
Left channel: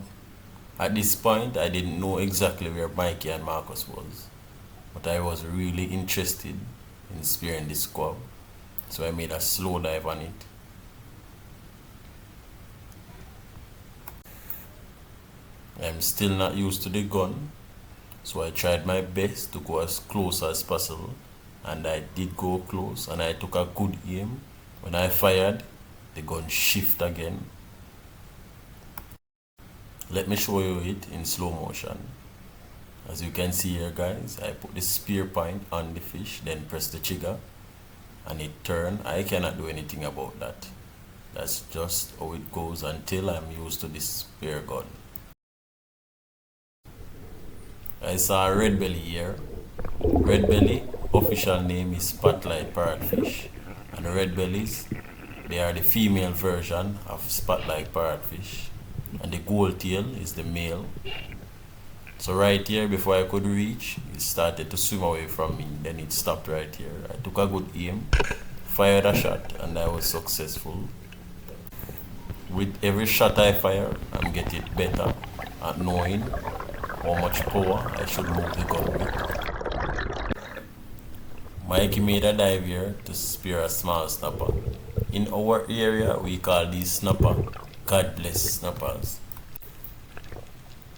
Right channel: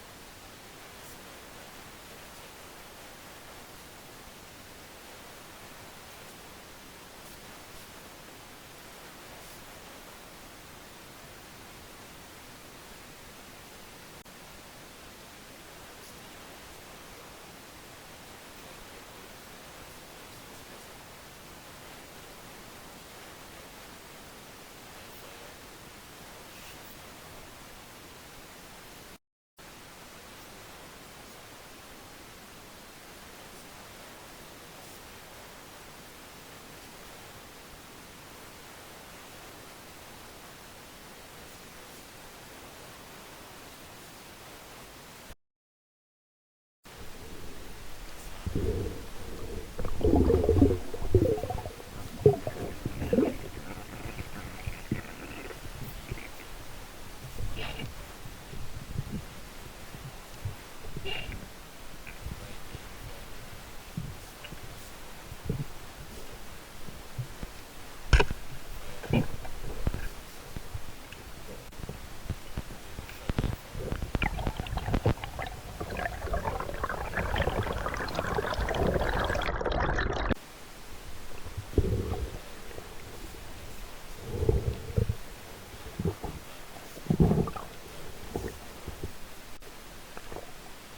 At this point, I didn't know exactly where Mikey and Marcus was, but I was really interested in spearing this squab, so I made a slow dive on it. I'm still not used to the gun, so I tried my best to go as close as possible, and I did go close and I took a good aim. When I fired, the gun shifted again. Let me show you it in slow motion. As you can see here guys, I put the spear point on the fish, then press the trigger and it turned. I cannot do anything about that. That's just how it goes until I'm used to this spear gun. I saw a red belly here. Red belly official name is spotlight parrotfish, and the red bellies, they are the female version of spotlight parrotfish, and the gold tail is the male. So right here, before I could reach, it started to swim away from me. Then it stopped right here. I took a good aim, fired a shot, and I was successful. With every shot I fire, I'm getting better at knowing how much power I should move the gun with. Mikey made a dive here to spear a small snapper. In our area, we call these snapper God bless snappers.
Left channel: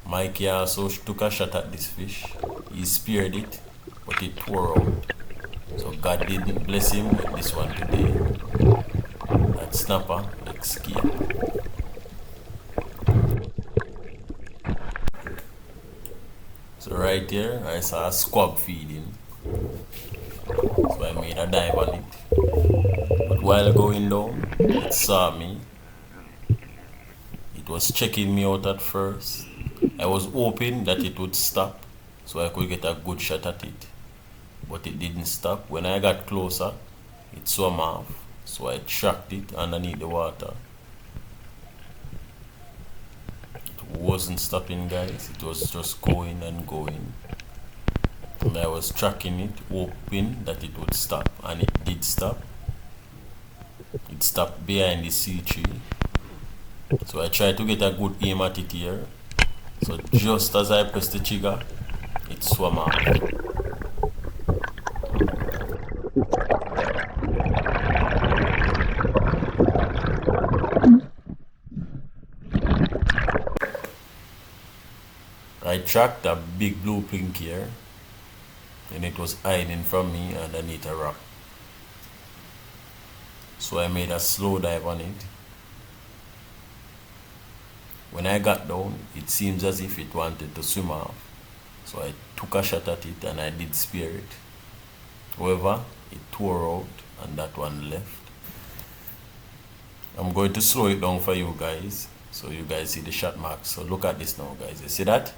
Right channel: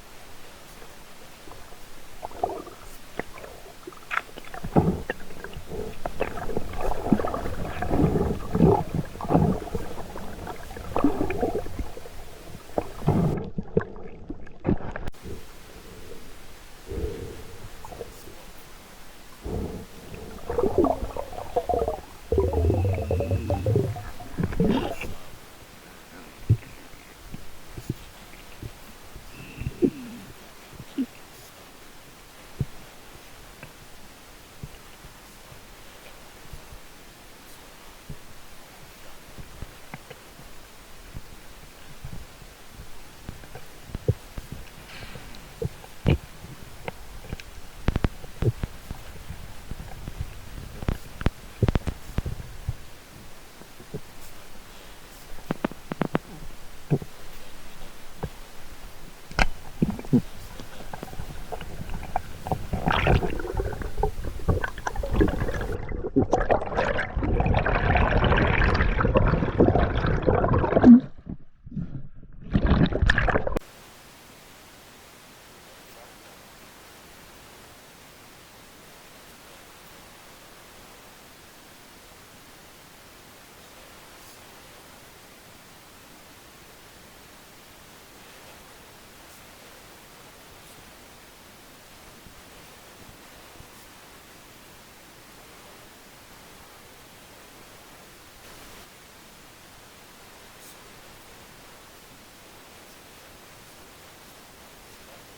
Mikey also took a shot at this fish. He speared it, but it tore out. So God didn't bless him with this one today. That snapper escaped. So right here, I saw a squab feeding. So I made a dive on it. But while going down, it saw me. It was checking me out at first. I was hoping that it would stop so I could get a good shot at it. But it didn't stop. When I got closer, it swam off. So I tracked it underneath the water. It wasn't stopping guys, it was just going and going. And I was tracking it, hoping that it would stop, and it did stop. It stopped behind the sea tree. So I tried to get a good aim at it here. So just as I pressed the trigger, it swam off. I tracked a big blue pink here, and it was hiding from me underneath a rock. So I made a slow dive on it. When I got down, it seems as if it wanted to swim off. So I took a shot at it and I did spear it. However, it tore out and that one left. I'm going to slow it down for you guys so you guys see the shot marks. So look at this now guys. You see that?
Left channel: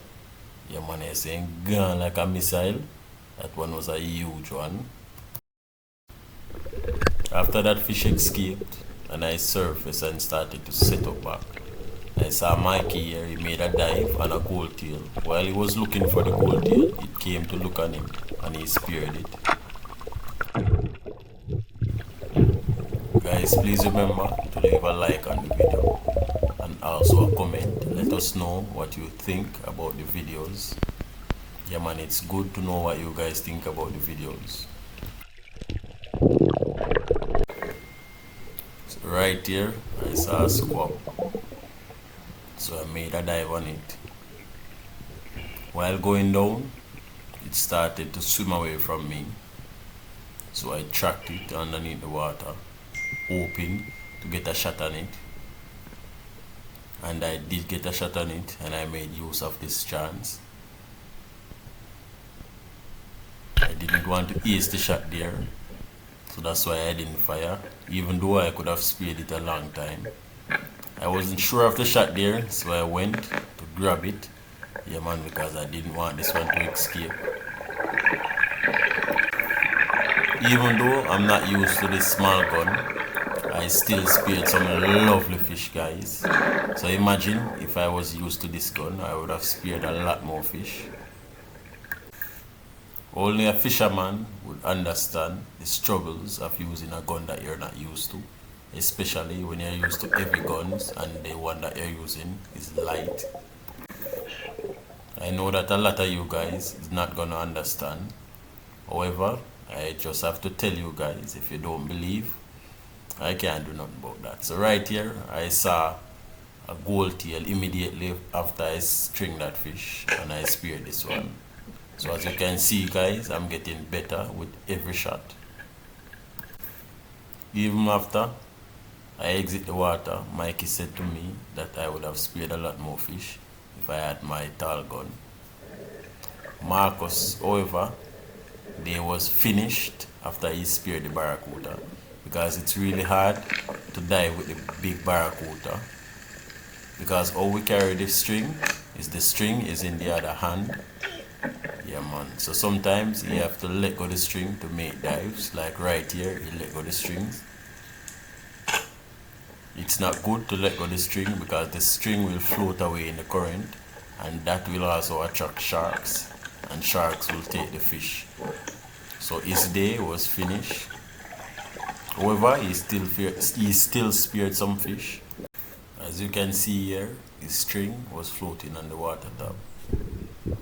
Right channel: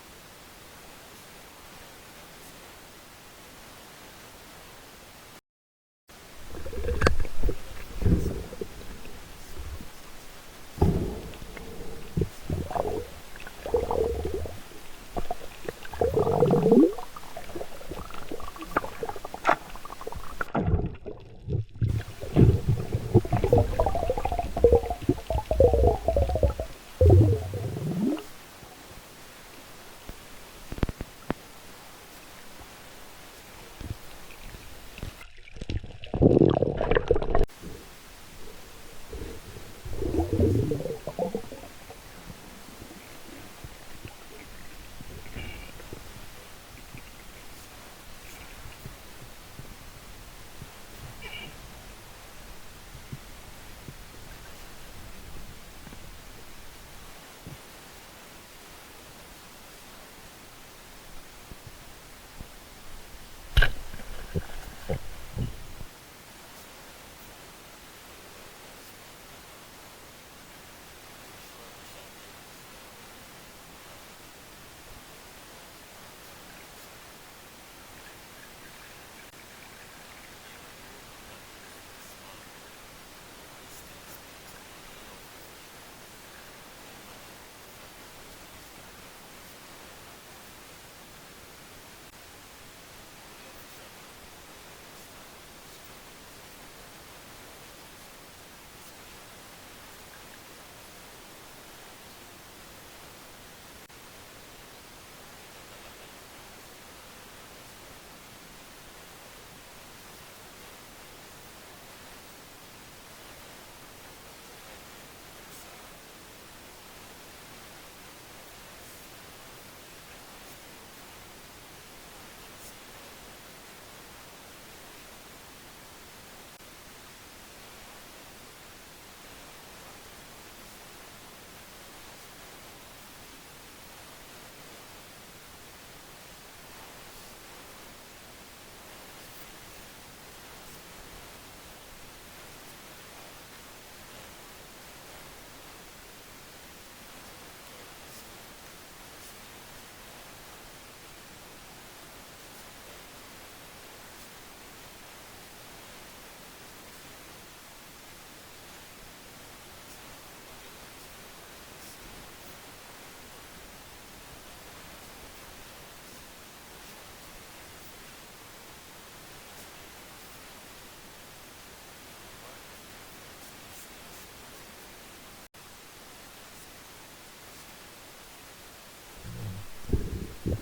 Yeah man, is saying gone like a missile. That one was a huge one. After that fish escaped and I surfaced and started to settle back. I saw Mikey here, he made a dive on a gold tail. While he was looking for the gold tail, it came to look on him and he speared it. Guys, please remember to leave a like on the video and also a comment. Let us know what you think about the videos. Yeah man, it's good to know what you guys think about the videos. So right here, I saw a squab. So I made a dive on it. While going down, it started to swim away from me. So I tracked it underneath the water, hoping to get a shot on it. And I did get a shot on it, and I made use of this chance. I didn't want to ace the shot there, so that's why I didn't fire, even though I could have speared it a long time. I wasn't sure of the shot there, so I went to grab it. Yeah man, because I didn't want this one to escape. Even though I'm not used to this small gun, I still speared some lovely fish guys. So imagine if I was used to this gun, I would have speared a lot more fish. Only a fisherman would understand the struggles of using a gun that you're not used to. especially when you're used to heavy guns and the one that you're using is light. I know that a lot of you guys is not gonna understand. However, I just have to tell you guys, if you don't believe, I can't do nothing about that. So right here, I saw a gold tail immediately after I string that fish and I speared this one. So as you can see guys, I'm getting better with every shot. Even after I exit the water, Mikey said to me that I would have speared a lot more fish if I had my tall gun. Marcus, however, they was finished after he speared the barracuda, because it's really hard to dive with the big barracuda, because how we carry the string is in the other hand. Yeah man, so sometimes you have to let go the string to make dives, like right here you let go the strings. It's not good to let go the string because the string will float away in the current, and that will also attract sharks, and sharks will take the fish. So his day was finished. However, he still speared some fish. As you can see here, his string was floating on the water top.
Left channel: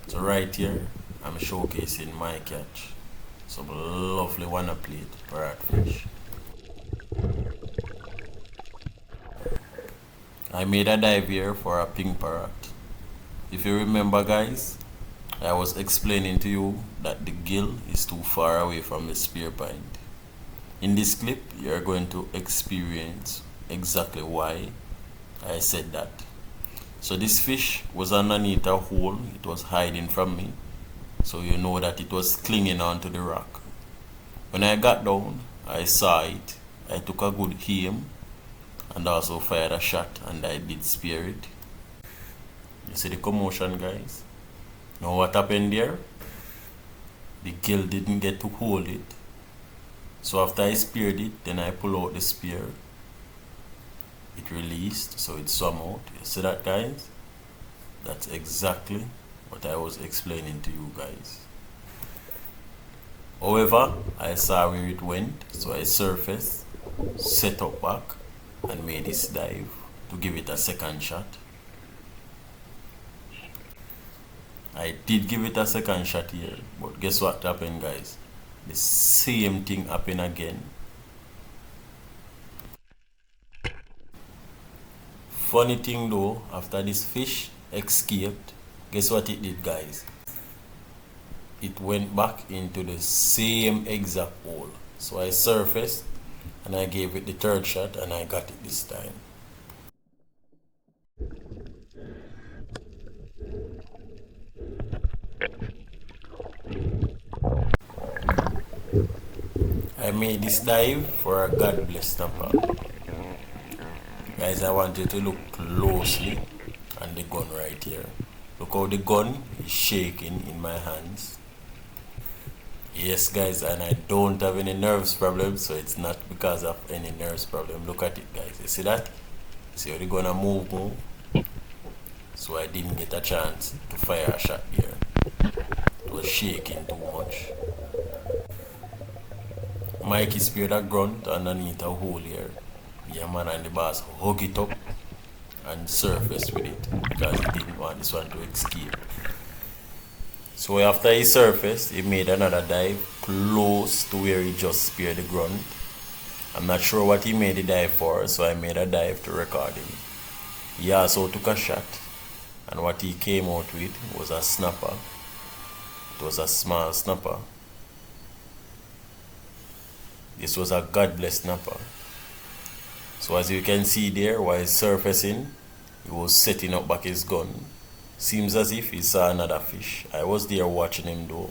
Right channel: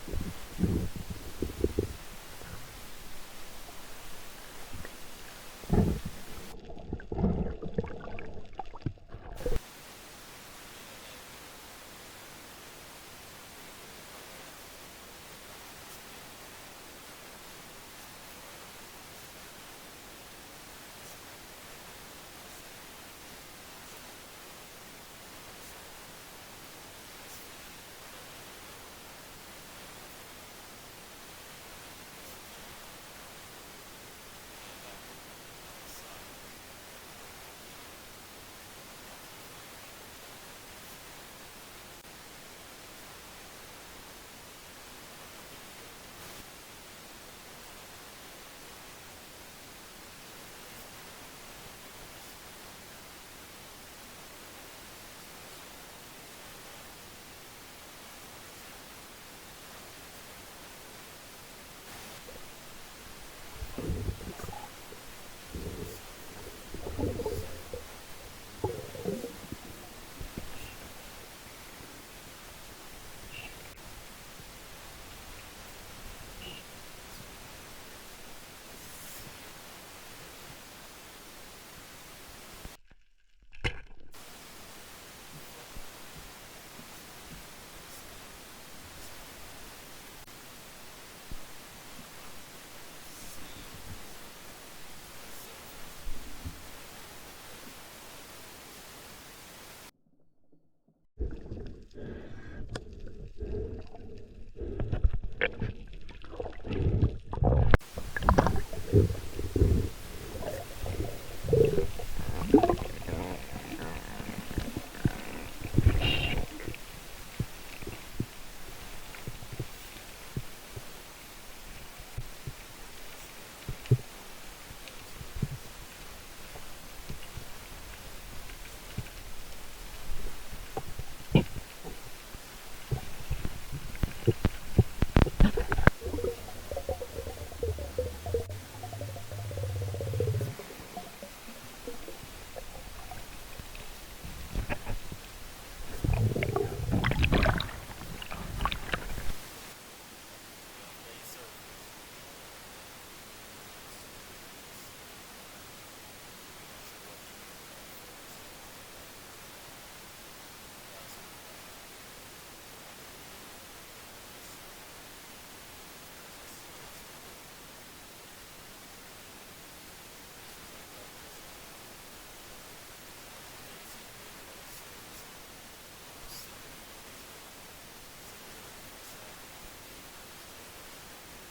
So right here, I'm showcasing my catch. Some lovely wanna plate parrotfish. I made a dive here for a pink parrot. If you remember guys, I was explaining to you that the gill is too far away from the spear point. In this clip, you are going to experience exactly why I said that. So this fish was underneath a hole, it was hiding from me. So you know that it was clinging onto the rock. When I got down, I saw it. I took a good aim and also fired a shot, and I did spear it. You see the commotion guys? Now what happened there? The gill didn't get to hold it. So after I speared it, then I pull out the spear. It released, so it swam out. You see that guys? That's exactly what I was explaining to you guys. However, I saw where it went, so I surfaced, set up back, and made this dive to give it a second shot. I did give it a second shot here, but guess what happened guys? The same thing happened again. Funny thing though, after this fish escaped, guess what it did guys? It went back into the same exact hole. So I surfaced and I gave it the third shot and I got it this time. I made this dive for a God bless snapper. Guys, I want you to look closely on the gun right here. Look how the gun is shaking in my hands. Yes guys, and I don't have any nerves problem, so it's not because of any nerves problem. Look at it guys, you see that? See how the gun move. So I didn't get a chance to fire a shot here. It was shaking too much. Mikey speared a grunt underneath a hole here. Yeah man, and the boss hug it up and surfaced with it because he didn't want this one to escape. So after he surfaced, he made another dive close to where he just speared the grunt. I'm not sure what he made the dive for, so I made a dive to record him. He also took a shot, and what he came out with was a snapper. It was a small snapper. This was a God bless snapper. So as you can see there, while surfacing, he was setting up back his gun. Seems as if he saw another fish. I was there watching him though,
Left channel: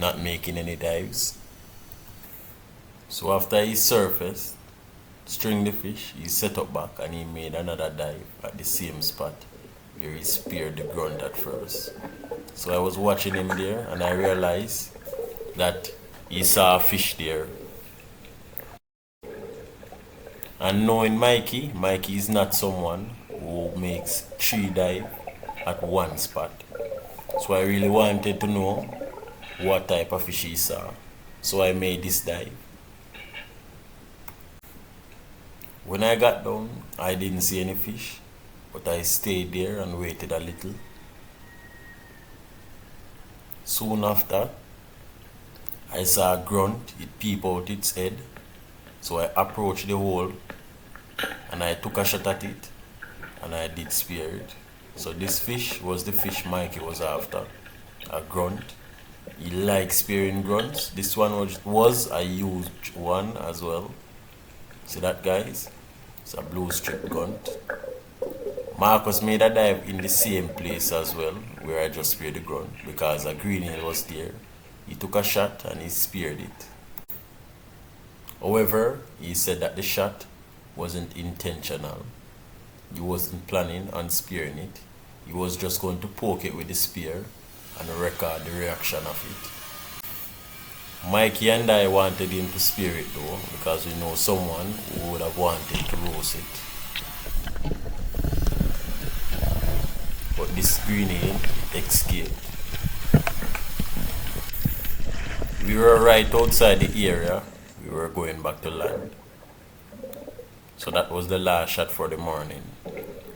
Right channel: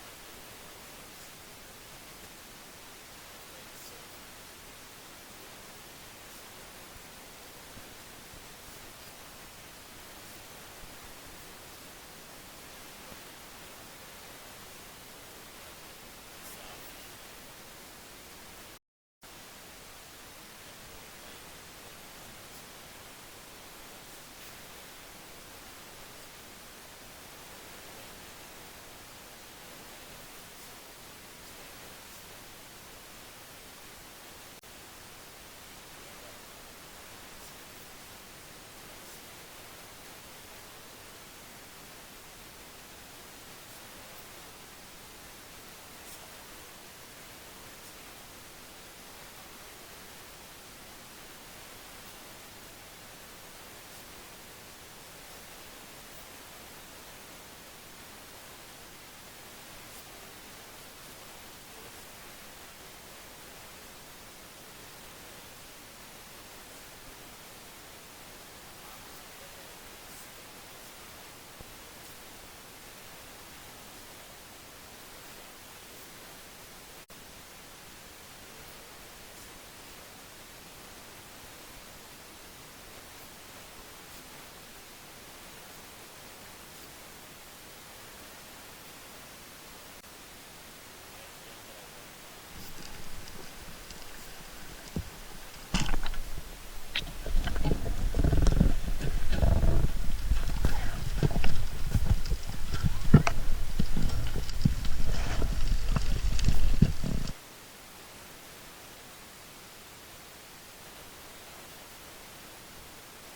not making any dives. So after he surfaced, stringed the fish, he set up back and he made another dive at the same spot where he speared the grunt at first. So I was watching him there and I realized that he saw a fish there. And knowing Mikey is not someone who makes 3 dives at one spot. So I really wanted to know what type of fish he saw. So I made this dive. When I got down, I didn't see any fish, but I stayed there and waited a little. Soon after, I saw a grunt, it peep out its head, so I approached the hole and I took a shot at it and I did spear it. So this fish was the fish Mikey was after, a grunt. He likes spearing grunts. This one was a huge one as well. See that, guys? It's a blue strip grunt. Marcus made a dive in the same place as well where I just speared the grunt because a greenhill was there. He took a shot and he speared it. However, he said that the shot wasn't intentional. He wasn't planning on spearing it. He was just going to poke it with the spear and record the reaction of it. Mikey and I wanted him to spear it though, because we know someone who would have wanted to roast it. But this greenhill escaped. We were right outside the area. We were going back to land. So that was the last shot for the morning.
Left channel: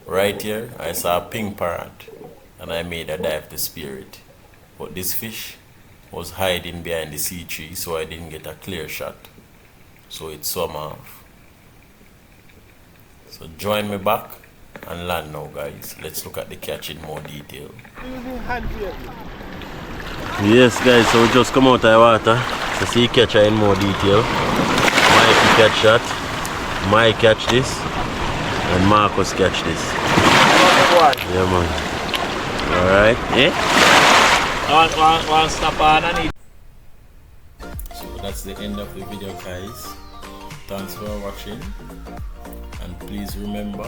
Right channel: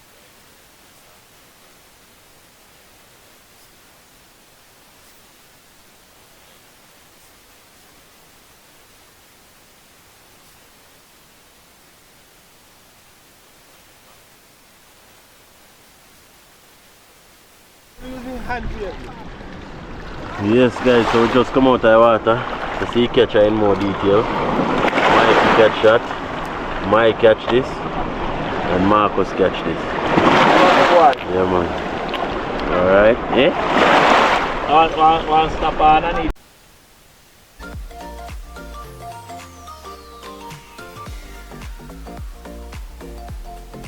Right here, I saw a pink parrot and I made a dive to spear it. But this fish was hiding behind the sea tree, so I didn't get a clear shot. So it swam off. So join me back and land now, guys. Let's look at the catch in more detail. Yes, guys, so we just come out of the water to see catch in more detail. Mike catch that, Mike catch this, and Marcus catch this. Yeah, man. Alright, yeah? One snap on and eat. So that's the end of the video, guys. Thanks for watching, and please remember